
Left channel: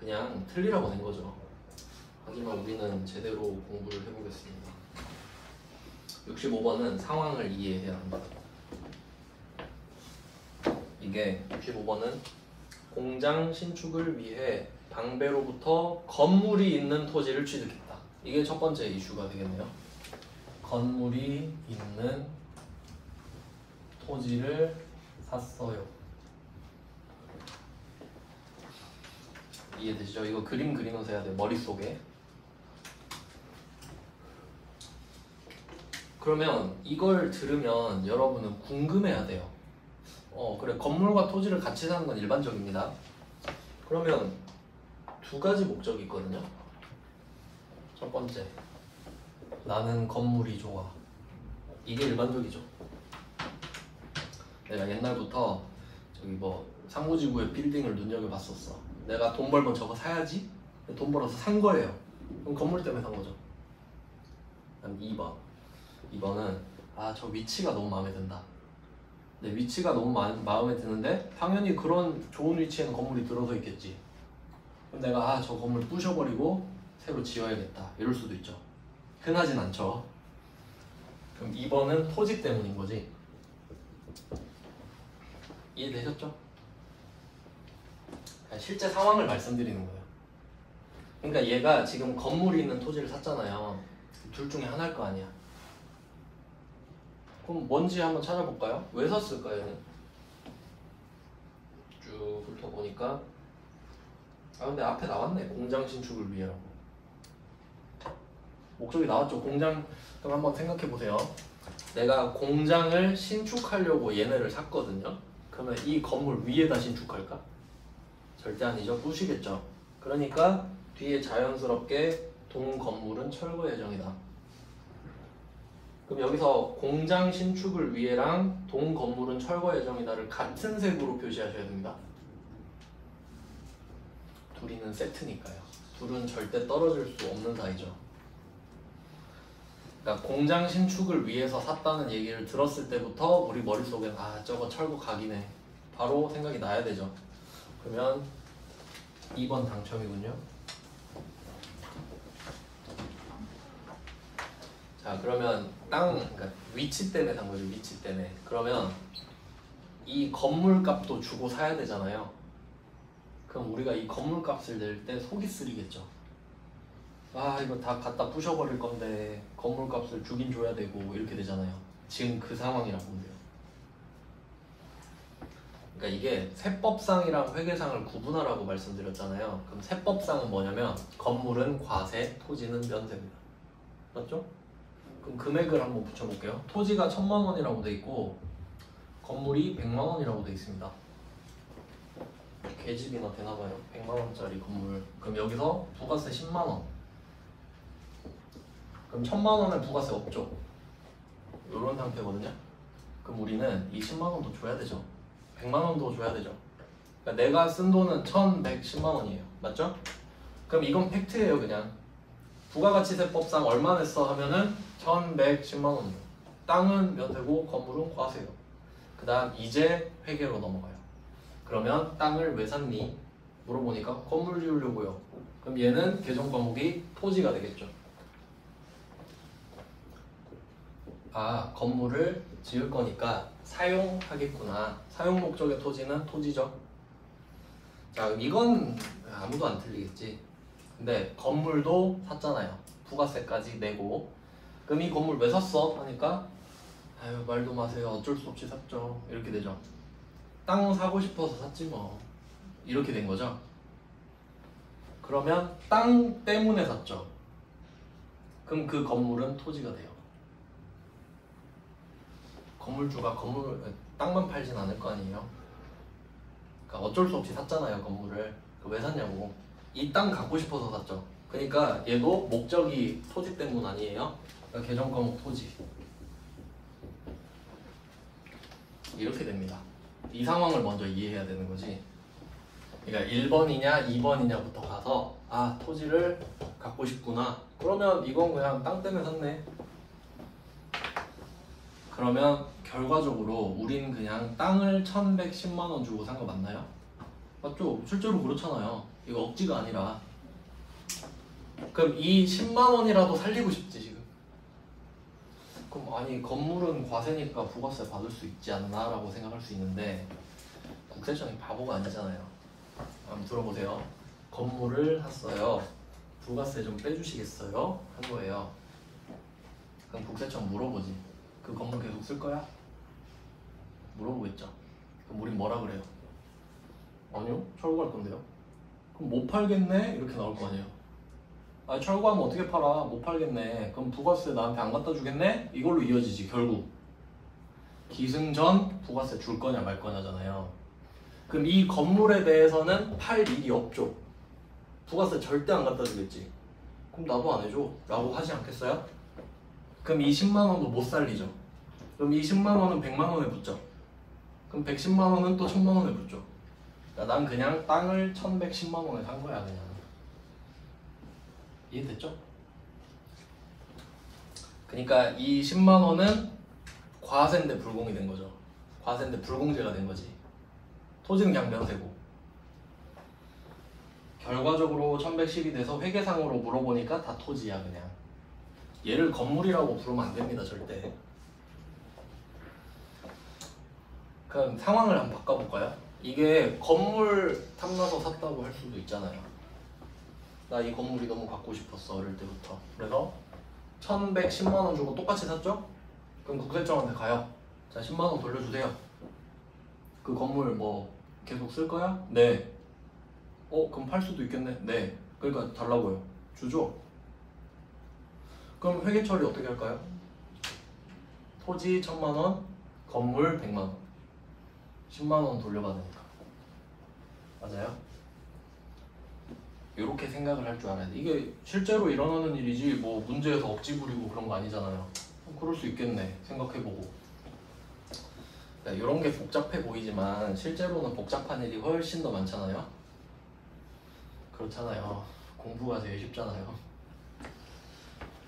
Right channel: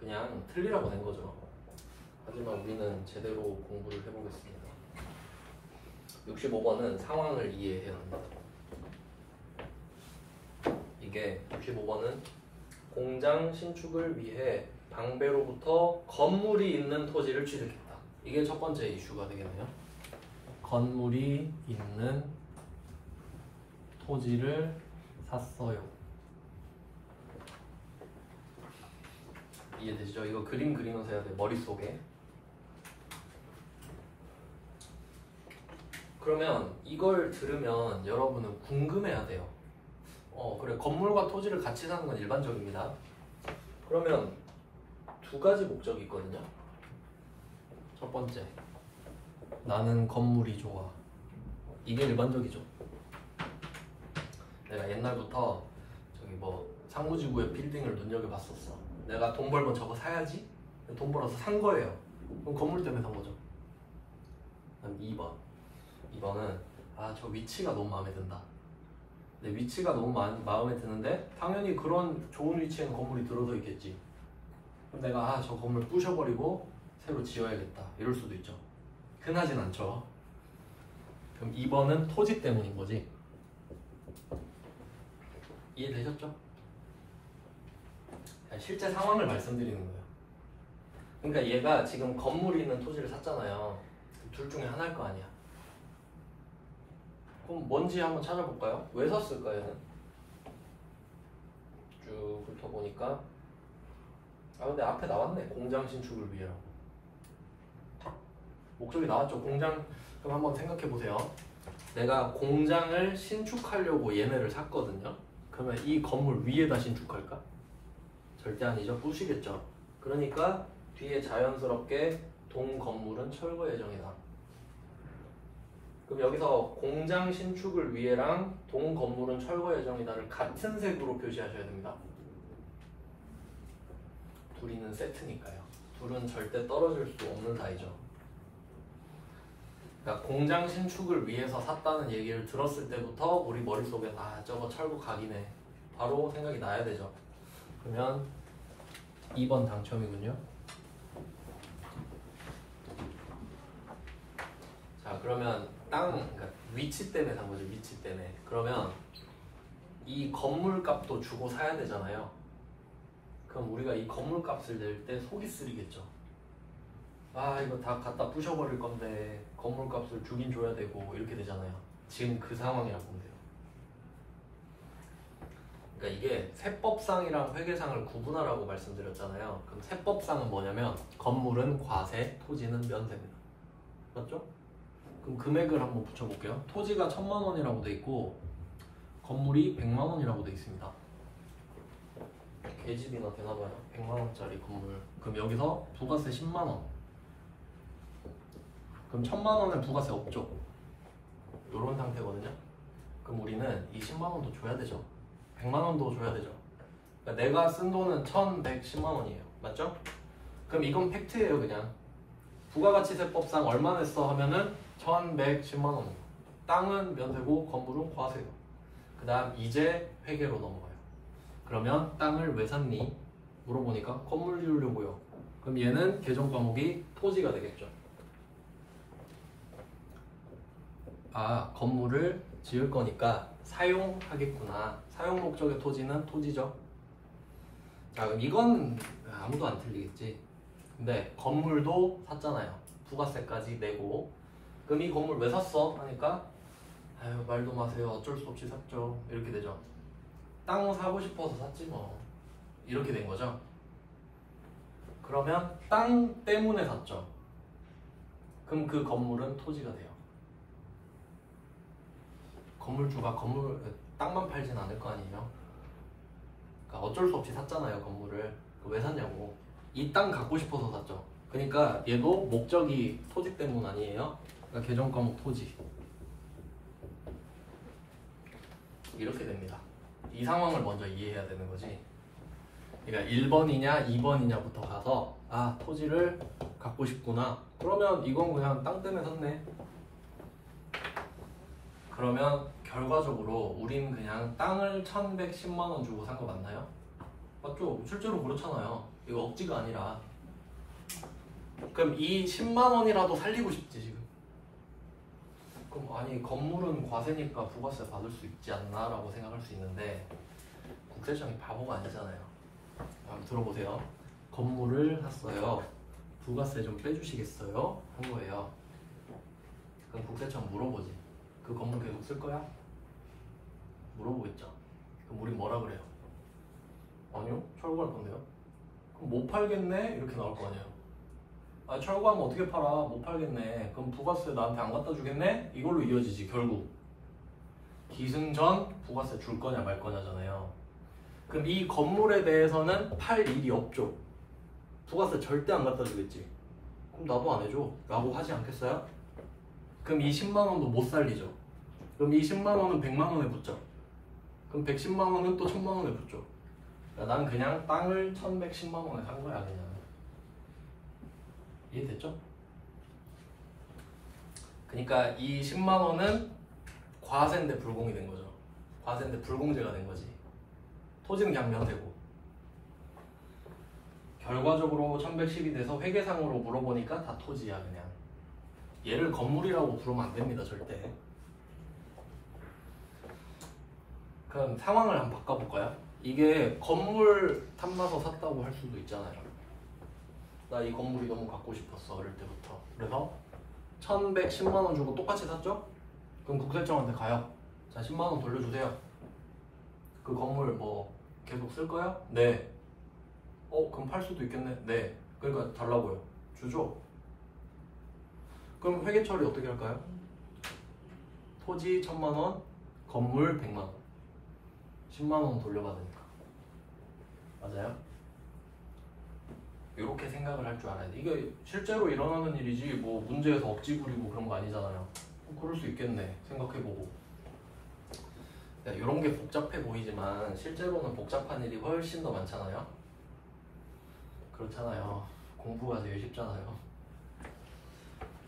그냥 틀리라고 된 거죠. 하지만 우리는 제대로 공부를 해보겠습니다. 65번은 상황을 이해해야 합니다. 이게 65번은 공장 신축을 위해 방배로부터 건물이 있는 토지를 취득했다. 이게 첫 번째 이슈가 되겠네요. 건물이 있는 토지를 샀어요. 이해되시죠? 이거 그림 그리면서 해야 돼 머릿속에. 그러면 이걸 들으면 여러분은 궁금해야 돼요. 그래 건물과 토지를 같이 사는 건 일반적입니다. 그러면 두 가지 목적이 있거든요. 첫 번째, 나는 건물이 좋아. 이게 일반적이죠. 내가 옛날부터 저기 뭐 상무지구의 빌딩을 눈여겨봤었어. 내가 돈 벌면 저거 사야지. 돈 벌어서 산 거예요. 그럼 건물 때문에 산 거죠. 그다음 2번. 2번은 저 위치가 너무 마음에 든다. 근데 위치가 너무 마음에 드는데 당연히 그런 좋은 위치에는 건물이 들어서 있겠지. 그럼 내가 저 건물 부셔버리고 새로 지어야겠다 이럴 수도 있죠. 흔하진 않죠. 그럼 2번은 토지 때문인 거지. 이해되셨죠? 실제 상황을 말씀드리는 거예요. 그러니까 얘가 지금 건물이 있는 토지를 샀잖아요. 둘 중에 하나일 거 아니야. 그럼 뭔지 한번 찾아볼까요? 왜 샀을까요? 얘는? 쭉 훑어보니까 근데 앞에 나왔네. 공장 신축을 위해라고. 목적이 나왔죠. 공장. 그럼 한번 생각해보세요. 내가 공장을 신축하려고 얘네를 샀거든요. 그러면 이 건물 위에다 신축할까? 절대 아니죠. 부시겠죠. 그러니까 뒤에 자연스럽게 동 건물은 철거 예정이다. 그럼 여기서 공장 신축을 위해랑 동 건물은 철거 예정이다를 같은 색으로 표시하셔야 됩니다. 둘이는 세트니까요. 둘은 절대 떨어질 수 없는 사이죠. 그러니까 공장 신축을 위해서 샀다는 얘기를 들었을 때부터 우리 머릿속엔 저거 철거 각이네 바로 생각이 나야 되죠. 그러면 2번 당첨이군요. 자 그러면 그러니까 위치 때문에 산 거죠. 위치 때문에. 그러면 이 건물 값도 주고 사야 되잖아요. 그럼 우리가 이 건물 값을 낼 때 속이 쓰리겠죠. 이거 다 갖다 부셔버릴 건데 건물 값을 주긴 줘야 되고 이렇게 되잖아요. 지금 그 상황이라고 보면 돼요. 그러니까 이게 세법상이랑 회계상을 구분하라고 말씀드렸잖아요. 그럼 세법상은 뭐냐면 건물은 과세, 토지는 면세입니다. 맞죠? 그럼 금액을 한번 붙여볼게요. 토지가 1000만 원이라고 돼 있고 건물이 100만 원이라고 돼 있습니다. 계집이나 되나봐요. 100만 원짜리 건물. 그럼 여기서 부가세 10만 원. 그럼 1000만 원은 부가세 없죠. 이런 상태거든요. 그럼 우리는 이 10만 원도 줘야 되죠. 100만 원도 줘야 되죠. 그러니까 내가 쓴 돈은 1110만 원이에요. 맞죠? 그럼 이건 팩트예요. 그냥 부가가치세법상 얼마 냈어 하면은 1110만 원이에요. 땅은 면세고 건물은 과세요. 그 다음 이제 회계로 넘어가요. 그러면 땅을 왜 샀니? 물어보니까 건물 지으려고요. 그럼 얘는 계정 과목이 토지가 되겠죠. 건물을 지을 거니까 사용하겠구나. 사용 목적의 토지는 토지죠. 자, 그럼 이건 아무도 안 틀리겠지. 근데 건물도 샀잖아요. 부가세까지 내고. 그럼 이 건물 왜 샀어? 하니까 말도 마세요. 어쩔 수 없이 샀죠. 이렇게 되죠. 땅 사고 싶어서 샀지 뭐. 이렇게 된 거죠. 그러면 땅 때문에 샀죠. 그럼 그 건물은 토지가 돼요. 건물주가 땅만 팔진 않을 거 아니에요. 그러니까 어쩔 수 없이 샀잖아요. 건물을. 왜 샀냐고. 이 땅 갖고 싶어서 샀죠. 그러니까 얘도 목적이 토지 때문 아니에요. 그러니까 계정 과목 토지. 이렇게 됩니다. 이 상황을 먼저 이해해야 되는 거지. 그러니까 1번이냐 2번이냐부터 가서 토지를 갖고 싶구나. 그러면 이건 그냥 땅 때문에 샀네. 그러면 결과적으로 우린 그냥 땅을 1110만 원 주고 산 거 맞나요? 맞죠? 실제로 그렇잖아요. 이거 억지가 아니라. 그럼 이 10만 원이라도 살리고 싶지 지금. 그럼 건물은 과세니까 부가세 받을 수 있지 않나 라고 생각할 수 있는데 국세청이 바보가 아니잖아요. 한번 들어보세요. 건물을 샀어요. 부가세 좀 빼주시겠어요? 한 거예요. 그럼 국세청 물어보지. 그 건물 계속 쓸 거야? 물어보겠죠. 그럼 우리 뭐라 그래요? 아니요, 철거할 건데요. 그럼 못 팔겠네? 이렇게 나올 거 아니에요. 아, 철거하면 어떻게 팔아? 못 팔겠네. 그럼 부가세 나한테 안 갖다 주겠네? 이걸로 이어지지 결국. 기승전 부가세 줄 거냐 말 거냐잖아요. 그럼 이 건물에 대해서는 팔 일이 없죠. 부가세 절대 안 갖다 주겠지. 그럼 나도 안 해줘 라고 하지 않겠어요? 그럼 이 10만 원도 못 살리죠. 그럼 이 10만 원은 100만 원에 붙죠. 그럼 110만 원은 또 1000만 원에 붙죠. 그러니까 난 그냥 땅을 1110만 원에 산 거야 그냥. 이해됐죠? 그러니까 이 10만 원은 과세인데 불공이 된 거죠. 과세인데 불공제가 된 거지. 토지는 그냥 면세고. 결과적으로 1110이 돼서 회계상으로 물어보니까 다 토지야 그냥. 얘를 건물이라고 부르면 안 됩니다 절대. 그럼 상황을 한번 바꿔볼까요? 이게 건물 탐나서 샀다고 할 수도 있잖아요. 나 이 건물이 너무 갖고 싶었어 어릴 때부터. 그래서 1110만 원 주고 똑같이 샀죠? 그럼 국세청한테 가요. 자 10만 원 돌려주세요. 그 건물 뭐 계속 쓸 거야? 네. 그럼 팔 수도 있겠네? 네. 그러니까 달라고요. 주죠? 그럼 회계 처리 어떻게 할까요? 토지 1000만 원, 건물 100만 원. 10만 원 돌려받으니까. 맞아요? 이렇게 생각을 할 줄 알아야 돼. 이게 실제로 일어나는 일이지 뭐 문제에서 억지 부리고 그런 거 아니잖아요. 그럴 수 있겠네 생각해보고. 그러니까 이런 게 복잡해 보이지만 실제로는 복잡한 일이 훨씬 더 많잖아요. 그렇잖아요. 공부가 제일 쉽잖아요.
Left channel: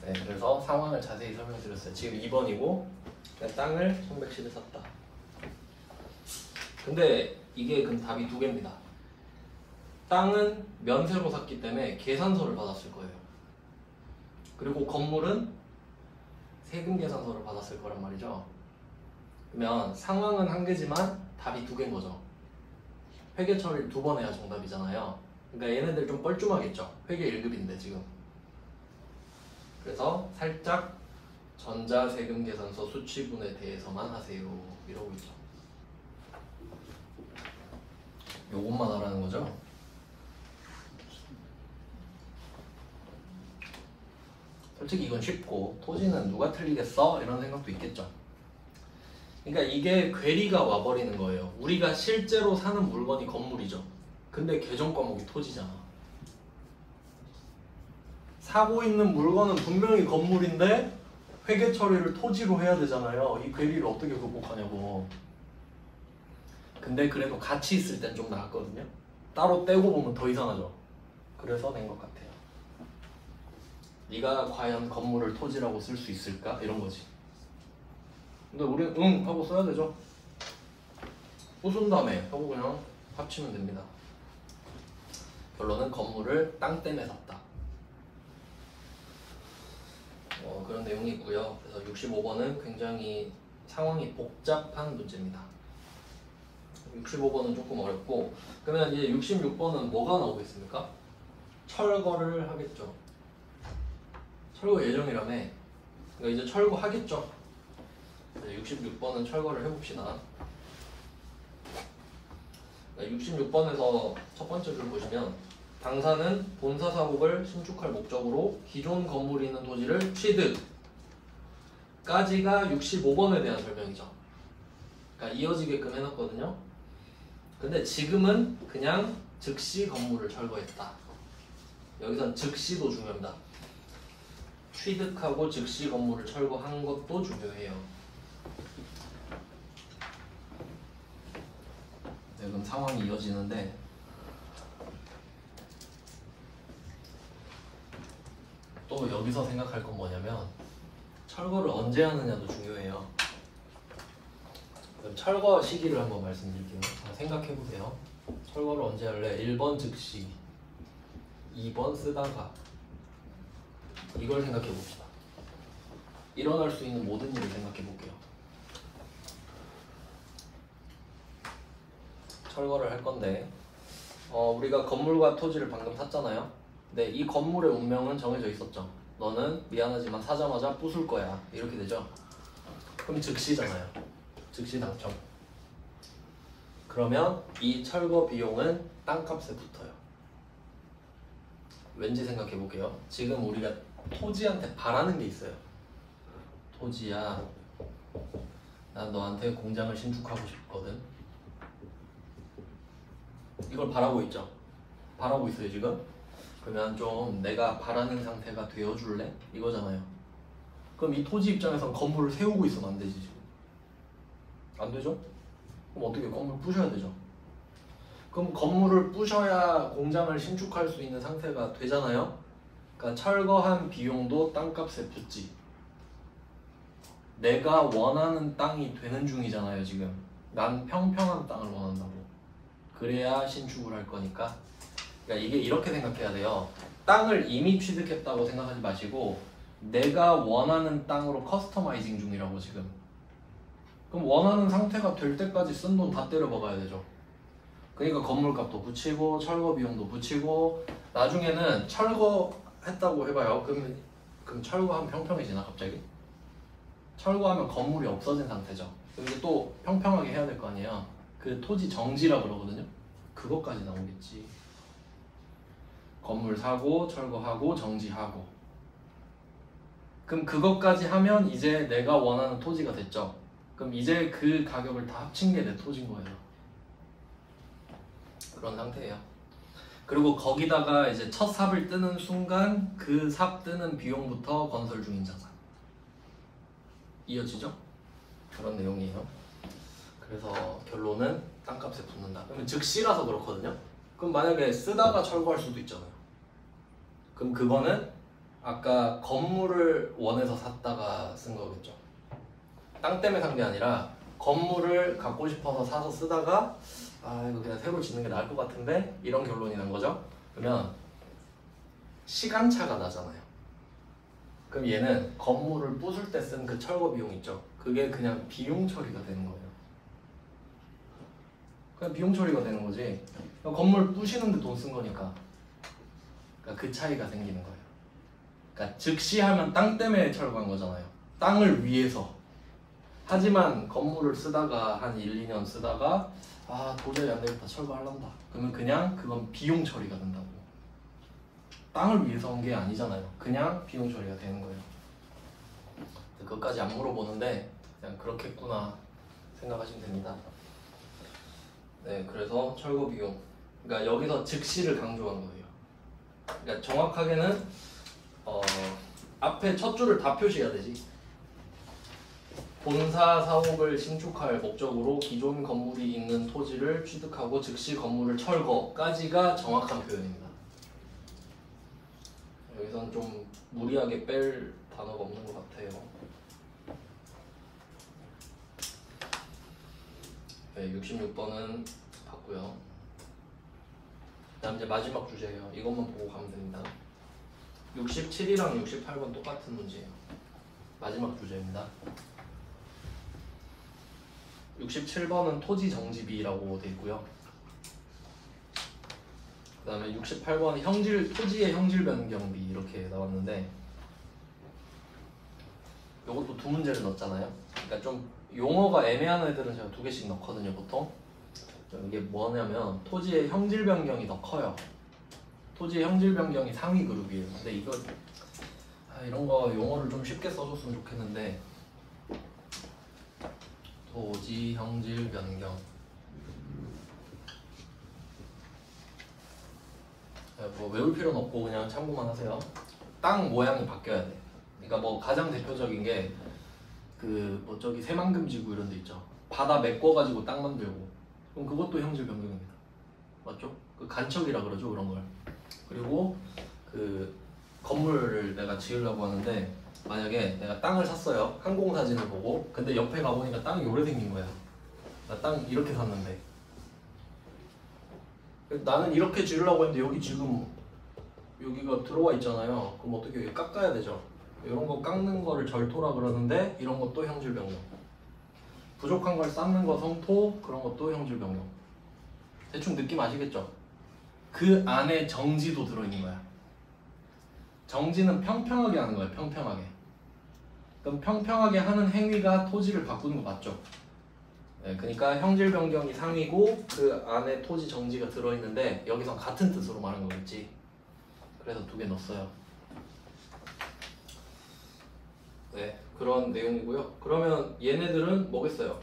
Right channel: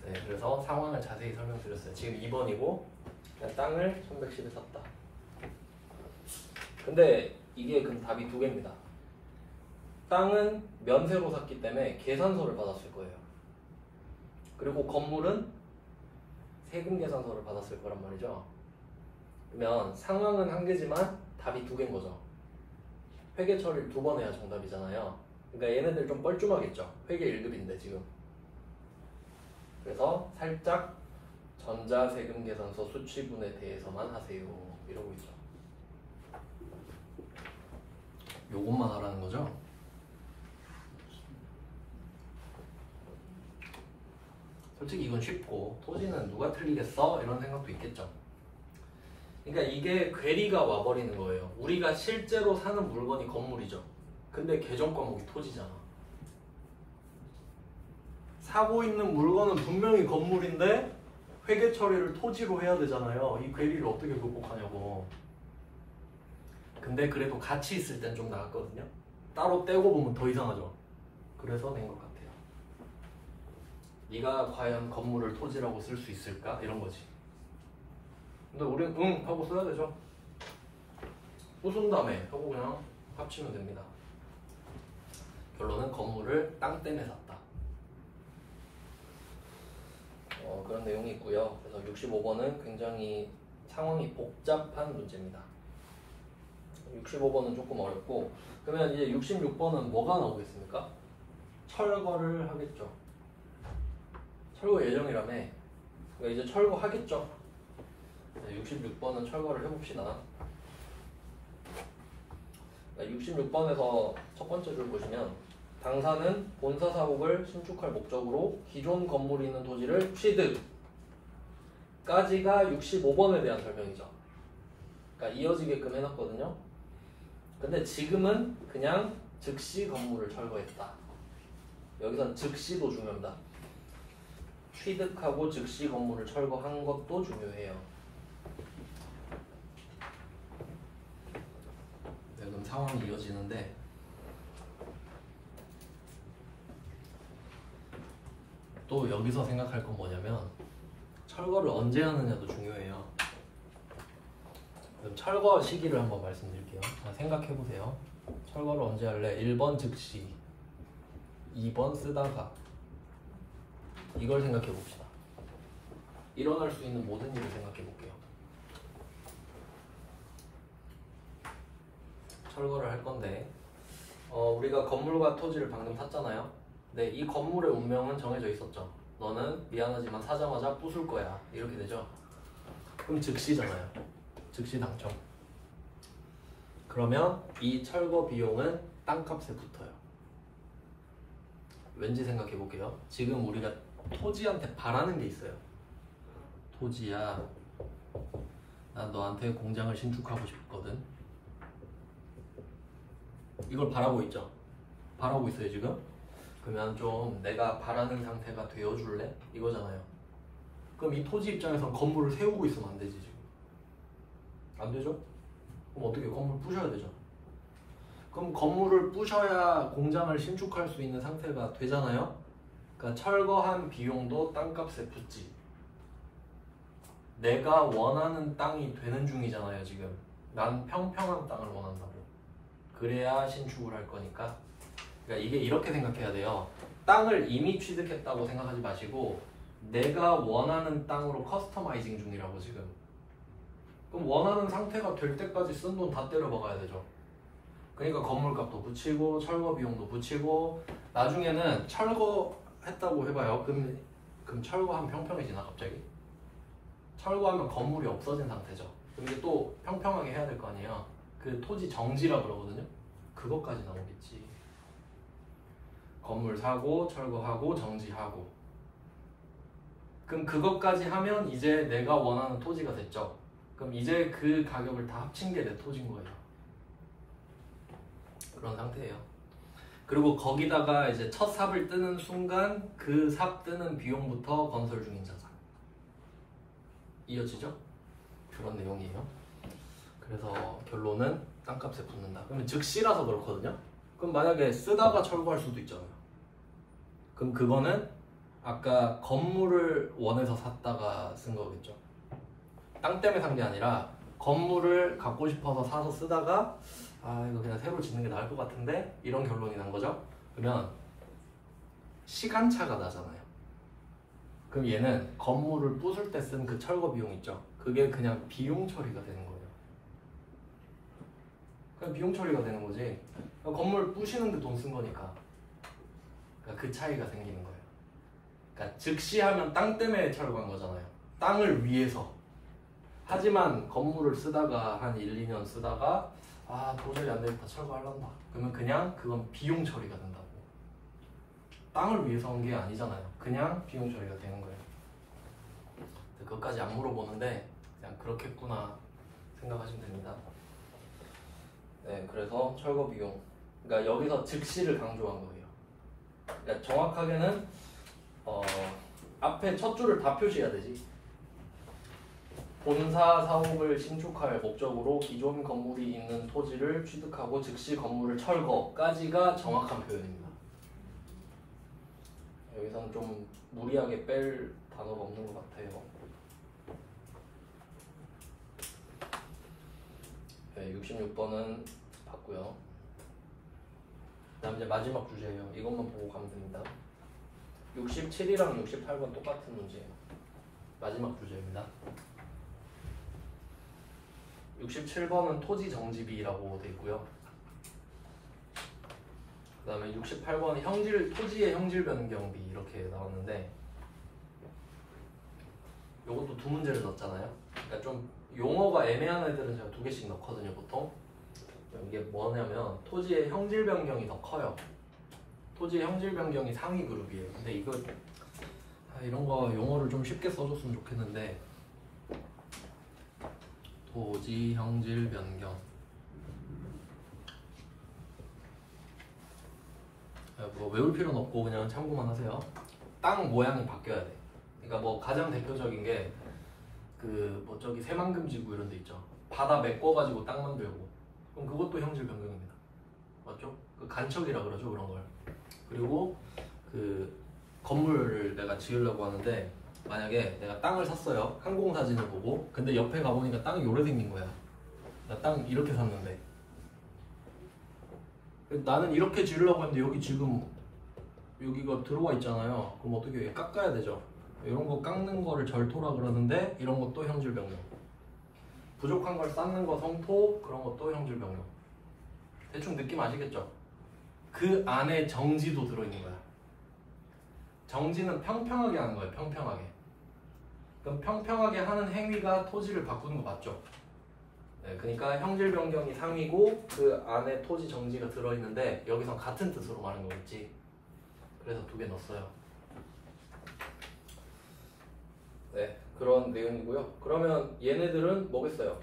네, 그래서 상황을 자세히 설명드렸어요. 지금 2번이고 땅을 1110에 샀다. 근데 이게 그럼 답이 두 개입니다. 땅은 면세로 샀기 때문에 계산서를 받았을 거예요. 그리고 건물은 세금 계산서를 받았을 거란 말이죠. 그러면 상황은 한 개지만 답이 두 개인 거죠. 회계 처리를 두 번 해야 정답이잖아요. 그러니까 얘네들 좀 뻘쭘하겠죠. 회계 1급인데 지금. 그래서 살짝 전자세금 계산서 수취분에 대해서만 하세요 이러고 있죠. 요것만 하라는 거죠. 솔직히 이건 쉽고 토지는 누가 틀리겠어? 이런 생각도 있겠죠. 그러니까 이게 괴리가 와버리는 거예요. 우리가 실제로 사는 물건이 건물이죠. 근데 계정 과목이 토지잖아. 사고 있는 물건은 분명히 건물인데 회계 처리를 토지로 해야 되잖아요. 이 괴리를 어떻게 극복하냐고. 근데 그래도 같이 있을 땐 좀 나았거든요. 따로 떼고 보면 더 이상하죠. 그래서 낸 것 같아요. 네가 과연 건물을 토지라고 쓸 수 있을까? 이런 거지. 근데 우리는 응 하고 써야 되죠. 부순 다음에 하고 그냥 합치면 됩니다. 결론은 건물을 땅 때문에 샀다. 그런 내용이 있고요. 그래서 65번은 굉장히 상황이 복잡한 문제입니다. 65번은 조금 어렵고, 그러면 이제 66번은 뭐가 나오겠습니까? 철거를 하겠죠. 철거 예정이라며. 그러니까 이제 철거하겠죠. 66번은 철거를 해봅시다. 66번에서 첫 번째 줄 보시면 당사는 본사 사업을 신축할 목적으로 기존 건물이 있는 토지를 취득까지가 65번에 대한 설명이죠. 그러니까 이어지게끔 해놨거든요. 근데 지금은 그냥 즉시 건물을 철거했다. 여기선 즉시도 중요합니다. 취득하고 즉시 건물을 철거한 것도 중요해요. 네, 그럼 상황이 이어지는데 또 여기서 생각할 건 뭐냐면 철거를 언제 하느냐도 중요해요. 그럼 철거 시기를 한번 말씀드릴게요. 자, 생각해보세요. 철거를 언제 할래? 1번 즉시, 2번 쓰다가. 이걸 생각해봅시다. 일어날 수 있는 모든 일을 생각해볼게요. 철거를 할 건데 우리가 건물과 토지를 방금 샀잖아요. 근데 이 건물의 운명은 정해져 있었죠. 너는 미안하지만 사자마자 부술 거야. 이렇게 되죠. 그럼 즉시잖아요. 즉시 당첨. 그러면 이 철거 비용은 땅값에 붙어요. 왠지 생각해 볼게요. 지금 우리가 토지한테 바라는 게 있어요. 토지야, 난 너한테 공장을 신축하고 싶거든. 이걸 바라고 있죠. 바라고 있어요 지금. 그러면 좀 내가 바라는 상태가 되어줄래? 이거잖아요. 그럼 이 토지 입장에서 건물을 세우고 있으면 안 되지 지금. 안 되죠? 그럼 어떻게 건물 부셔야 되죠? 그럼 건물을 부셔야 공장을 신축할 수 있는 상태가 되잖아요. 그러니까 철거한 비용도 땅값에 붙지. 내가 원하는 땅이 되는 중이잖아요 지금. 난 평평한 땅을 원한다고. 그래야 신축을 할 거니까. 그러니까 이게 이렇게 생각해야 돼요. 땅을 이미 취득했다고 생각하지 마시고 내가 원하는 땅으로 커스터마이징 중이라고 지금. 그럼 원하는 상태가 될 때까지 쓴 돈 다 때려 박아야 되죠. 그러니까 건물값도 붙이고 철거 비용도 붙이고 나중에는 철거했다고 해봐요. 그럼 철거하면 평평해지나 갑자기? 철거하면 건물이 없어진 상태죠. 이게 또 평평하게 해야 될 거 아니에요. 그 토지 정지라 그러거든요. 그것까지 나오겠지. 건물 사고 철거하고 정지하고. 그럼 그것까지 하면 이제 내가 원하는 토지가 됐죠. 그럼 이제 그 가격을 다 합친 게 내 토지인 거예요. 그런 상태예요. 그리고 거기다가 이제 첫 삽을 뜨는 순간 그 삽 뜨는 비용부터 건설 중인 자산. 이어지죠? 그런 내용이에요. 그래서 결론은 땅값에 붙는다. 그러면 즉시라서 그렇거든요. 그럼 만약에 쓰다가 철거할 수도 있잖아요. 그럼 그거는 아까 건물을 원해서 샀다가 쓴 거겠죠. 땅 때문에 산 게 아니라 건물을 갖고 싶어서 사서 쓰다가 아 이거 그냥 새로 짓는 게 나을 것 같은데 이런 결론이 난 거죠. 그러면 시간차가 나잖아요. 그럼 얘는 건물을 부술 때 쓴 그 철거 비용 있죠. 그게 그냥 비용 처리가 되는 거예요. 그냥 비용 처리가 되는 거지. 건물 부시는데 돈 쓴 거니까. 그러니까 그 차이가 생기는 거예요. 그러니까 즉시 하면 땅 때문에 철거한 거잖아요. 땅을 위해서. 하지만 건물을 쓰다가 한 1, 2년 쓰다가 아 도저히 안 되겠다 철거하려다. 그러면 그냥 그건 비용 처리가 된다고. 땅을 위해서 한 게 아니잖아요. 그냥 비용 처리가 되는 거예요. 그것까지 안 물어보는데 그냥 그렇겠구나 생각하시면 됩니다. 네, 그래서 철거 비용. 그러니까 여기서 즉시를 강조한 거예요. 그러니까 정확하게는 앞에 첫 줄을 다 표시해야 되지. 본사 사옥을 신축할 목적으로 기존 건물이 있는 토지를 취득하고 즉시 건물을 철거까지가 정확한 표현입니다. 여기서는 좀 무리하게 뺄 단어가 없는 것 같아요. 네, 66번은 봤고요. 그다음 이제 마지막 주제예요. 이것만 보고 가면 됩니다. 67이랑 68번 똑같은 문제예요. 마지막 주제입니다. 67번은 토지 정지비라고 되어 있고요. 그 다음에 68번은 토지의 형질 변경비 이렇게 나왔는데 이것도 두 문제를 넣었잖아요. 그러니까 좀 용어가 애매한 애들은 제가 두 개씩 넣거든요 보통. 이게 뭐냐면 토지의 형질 변경이 더 커요. 토지의 형질 변경이 상위 그룹이에요. 근데 이거 이런 거 용어를 좀 쉽게 써줬으면 좋겠는데 토지 형질 변경 뭐 외울 필요는 없고 그냥 참고만 하세요. 땅 모양이 바뀌어야 돼. 그러니까 뭐 가장 대표적인 게 그 뭐 저기 새만금지구 이런 데 있죠. 바다 메꿔가지고 땅 만들고 그럼 그것도 형질 변경입니다. 맞죠? 그 간척이라 그러죠 그런 걸. 그리고 그 건물을 내가 지으려고 하는데 만약에 내가 땅을 샀어요. 항공사진을 보고 근데 옆에 가보니까 땅이 요래 생긴 거야. 나 땅 이렇게 샀는데 나는 이렇게 지으려고 했는데 여기 지금 여기가 들어와 있잖아요. 그럼 어떻게 여기 깎아야 되죠? 이런 거 깎는 거를 절토라 그러는데 이런 것도 형질 변경. 부족한 걸 쌓는 거 성토 그런 것도 형질 변경. 대충 느낌 아시겠죠? 그 안에 정지도 들어있는 거야. 정지는 평평하게 하는 거예요. 평평하게. 그럼 평평하게 하는 행위가 토지를 바꾸는 거 맞죠? 네, 그러니까 형질 변경이 상위고 그 안에 토지 정지가 들어있는데 여기서 같은 뜻으로 말하는 거겠지. 그래서 2개 넣었어요. 네, 그런 내용이고요. 그러면 얘네들은 뭐겠어요?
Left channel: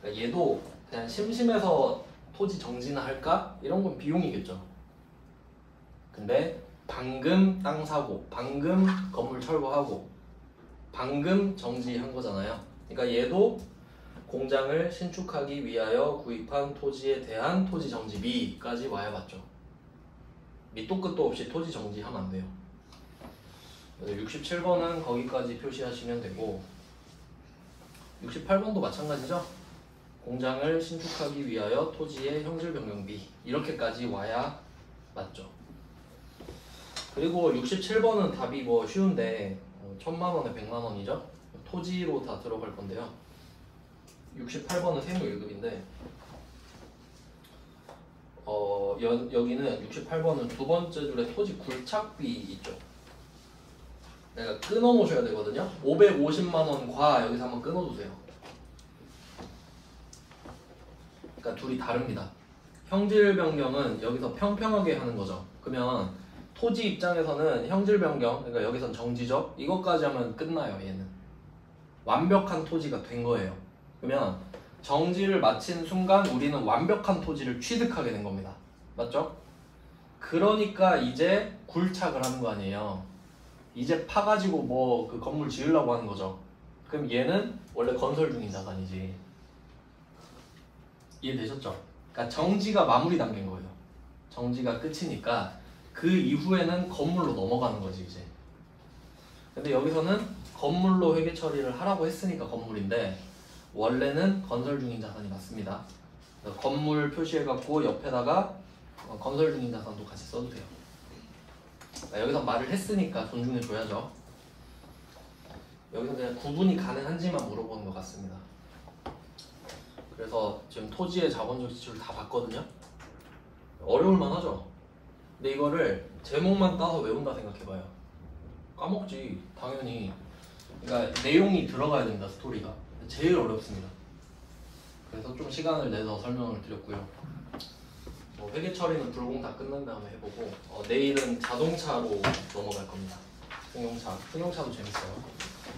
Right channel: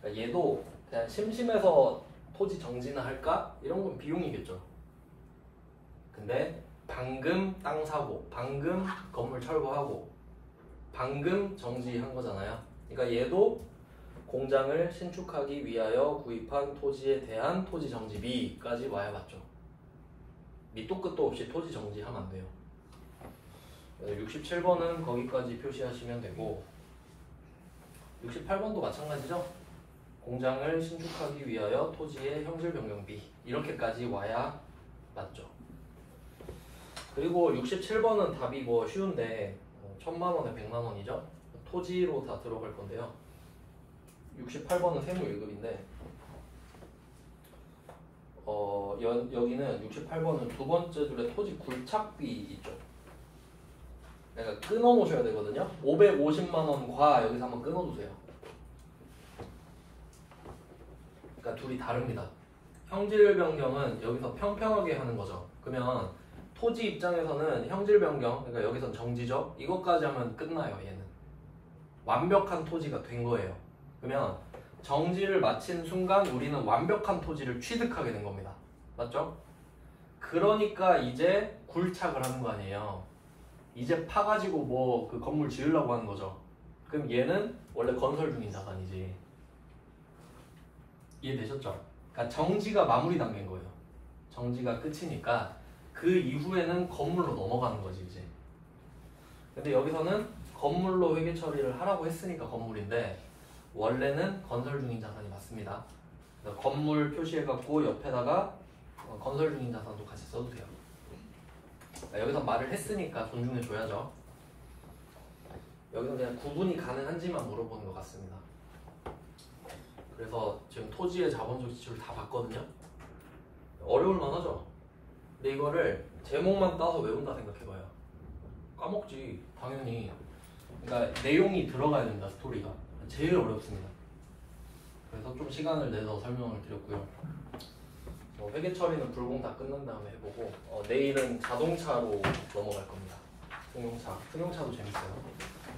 그러니까 얘도 그냥 심심해서 토지 정지나 할까? 이런 건 비용이겠죠. 근데 방금 땅 사고, 방금 건물 철거하고, 방금 정지한 거잖아요. 그러니까 얘도 공장을 신축하기 위하여 구입한 토지에 대한 토지 정지비까지 와야 맞죠. 밑도 끝도 없이 토지 정지하면 안 돼요. 67번은 거기까지 표시하시면 되고, 68번도 마찬가지죠. 공장을 신축하기 위하여 토지의 형질 변경비 이렇게까지 와야 맞죠. 그리고 67번은 답이 뭐 쉬운데 1000만원에 100만원이죠. 토지로 다 들어갈 건데요. 68번은 세무 1급인데 여기는 68번은 두 번째 줄에 토지 굴착비 있죠. 내가 끊어놓으셔야 되거든요. 550만원과 여기서 한번 끊어주세요. 그러니까 둘이 다릅니다. 형질 변경은 여기서 평평하게 하는 거죠. 그러면 토지 입장에서는 형질 변경, 그러니까 여기선 정지죠. 이것까지 하면 끝나요. 얘는 완벽한 토지가 된 거예요. 그러면 정지를 마친 순간 우리는 완벽한 토지를 취득하게 된 겁니다. 맞죠? 그러니까 이제 굴착을 하는 거 아니에요. 이제 파가지고 뭐 그 건물 지으려고 하는 거죠. 그럼 얘는 원래 건설 중인 자산이지. 이해되셨죠? 그러니까 정지가 마무리 단계인 거예요. 정지가 끝이니까 그 이후에는 건물로 넘어가는 거지 이제. 근데 여기서는 건물로 회계 처리를 하라고 했으니까 건물인데 원래는 건설 중인 자산이 맞습니다. 건물 표시해갖고 옆에다가 건설 중인 자산도 같이 써도 돼요. 여기서 말을 했으니까 존중해줘야죠. 여기서 그냥 구분이 가능한지만 물어보는 것 같습니다. 그래서 지금 토지의 자본적 지출을 다 봤거든요. 어려울만 하죠. 근데 이거를 제목만 따서 외운다 생각해봐요. 까먹지 당연히. 그러니까 내용이 들어가야 된다. 스토리가 제일 어렵습니다. 그래서 좀 시간을 내서 설명을 드렸고요. 회계 처리는 불공 다 끝난 다음에 해보고 내일은 자동차로 넘어갈 겁니다. 승용차도 재밌어요.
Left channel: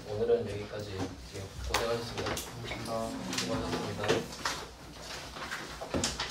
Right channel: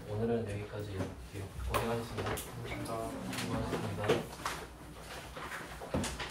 오늘은 여기까지. 고생하셨습니다. 수고하셨습니다.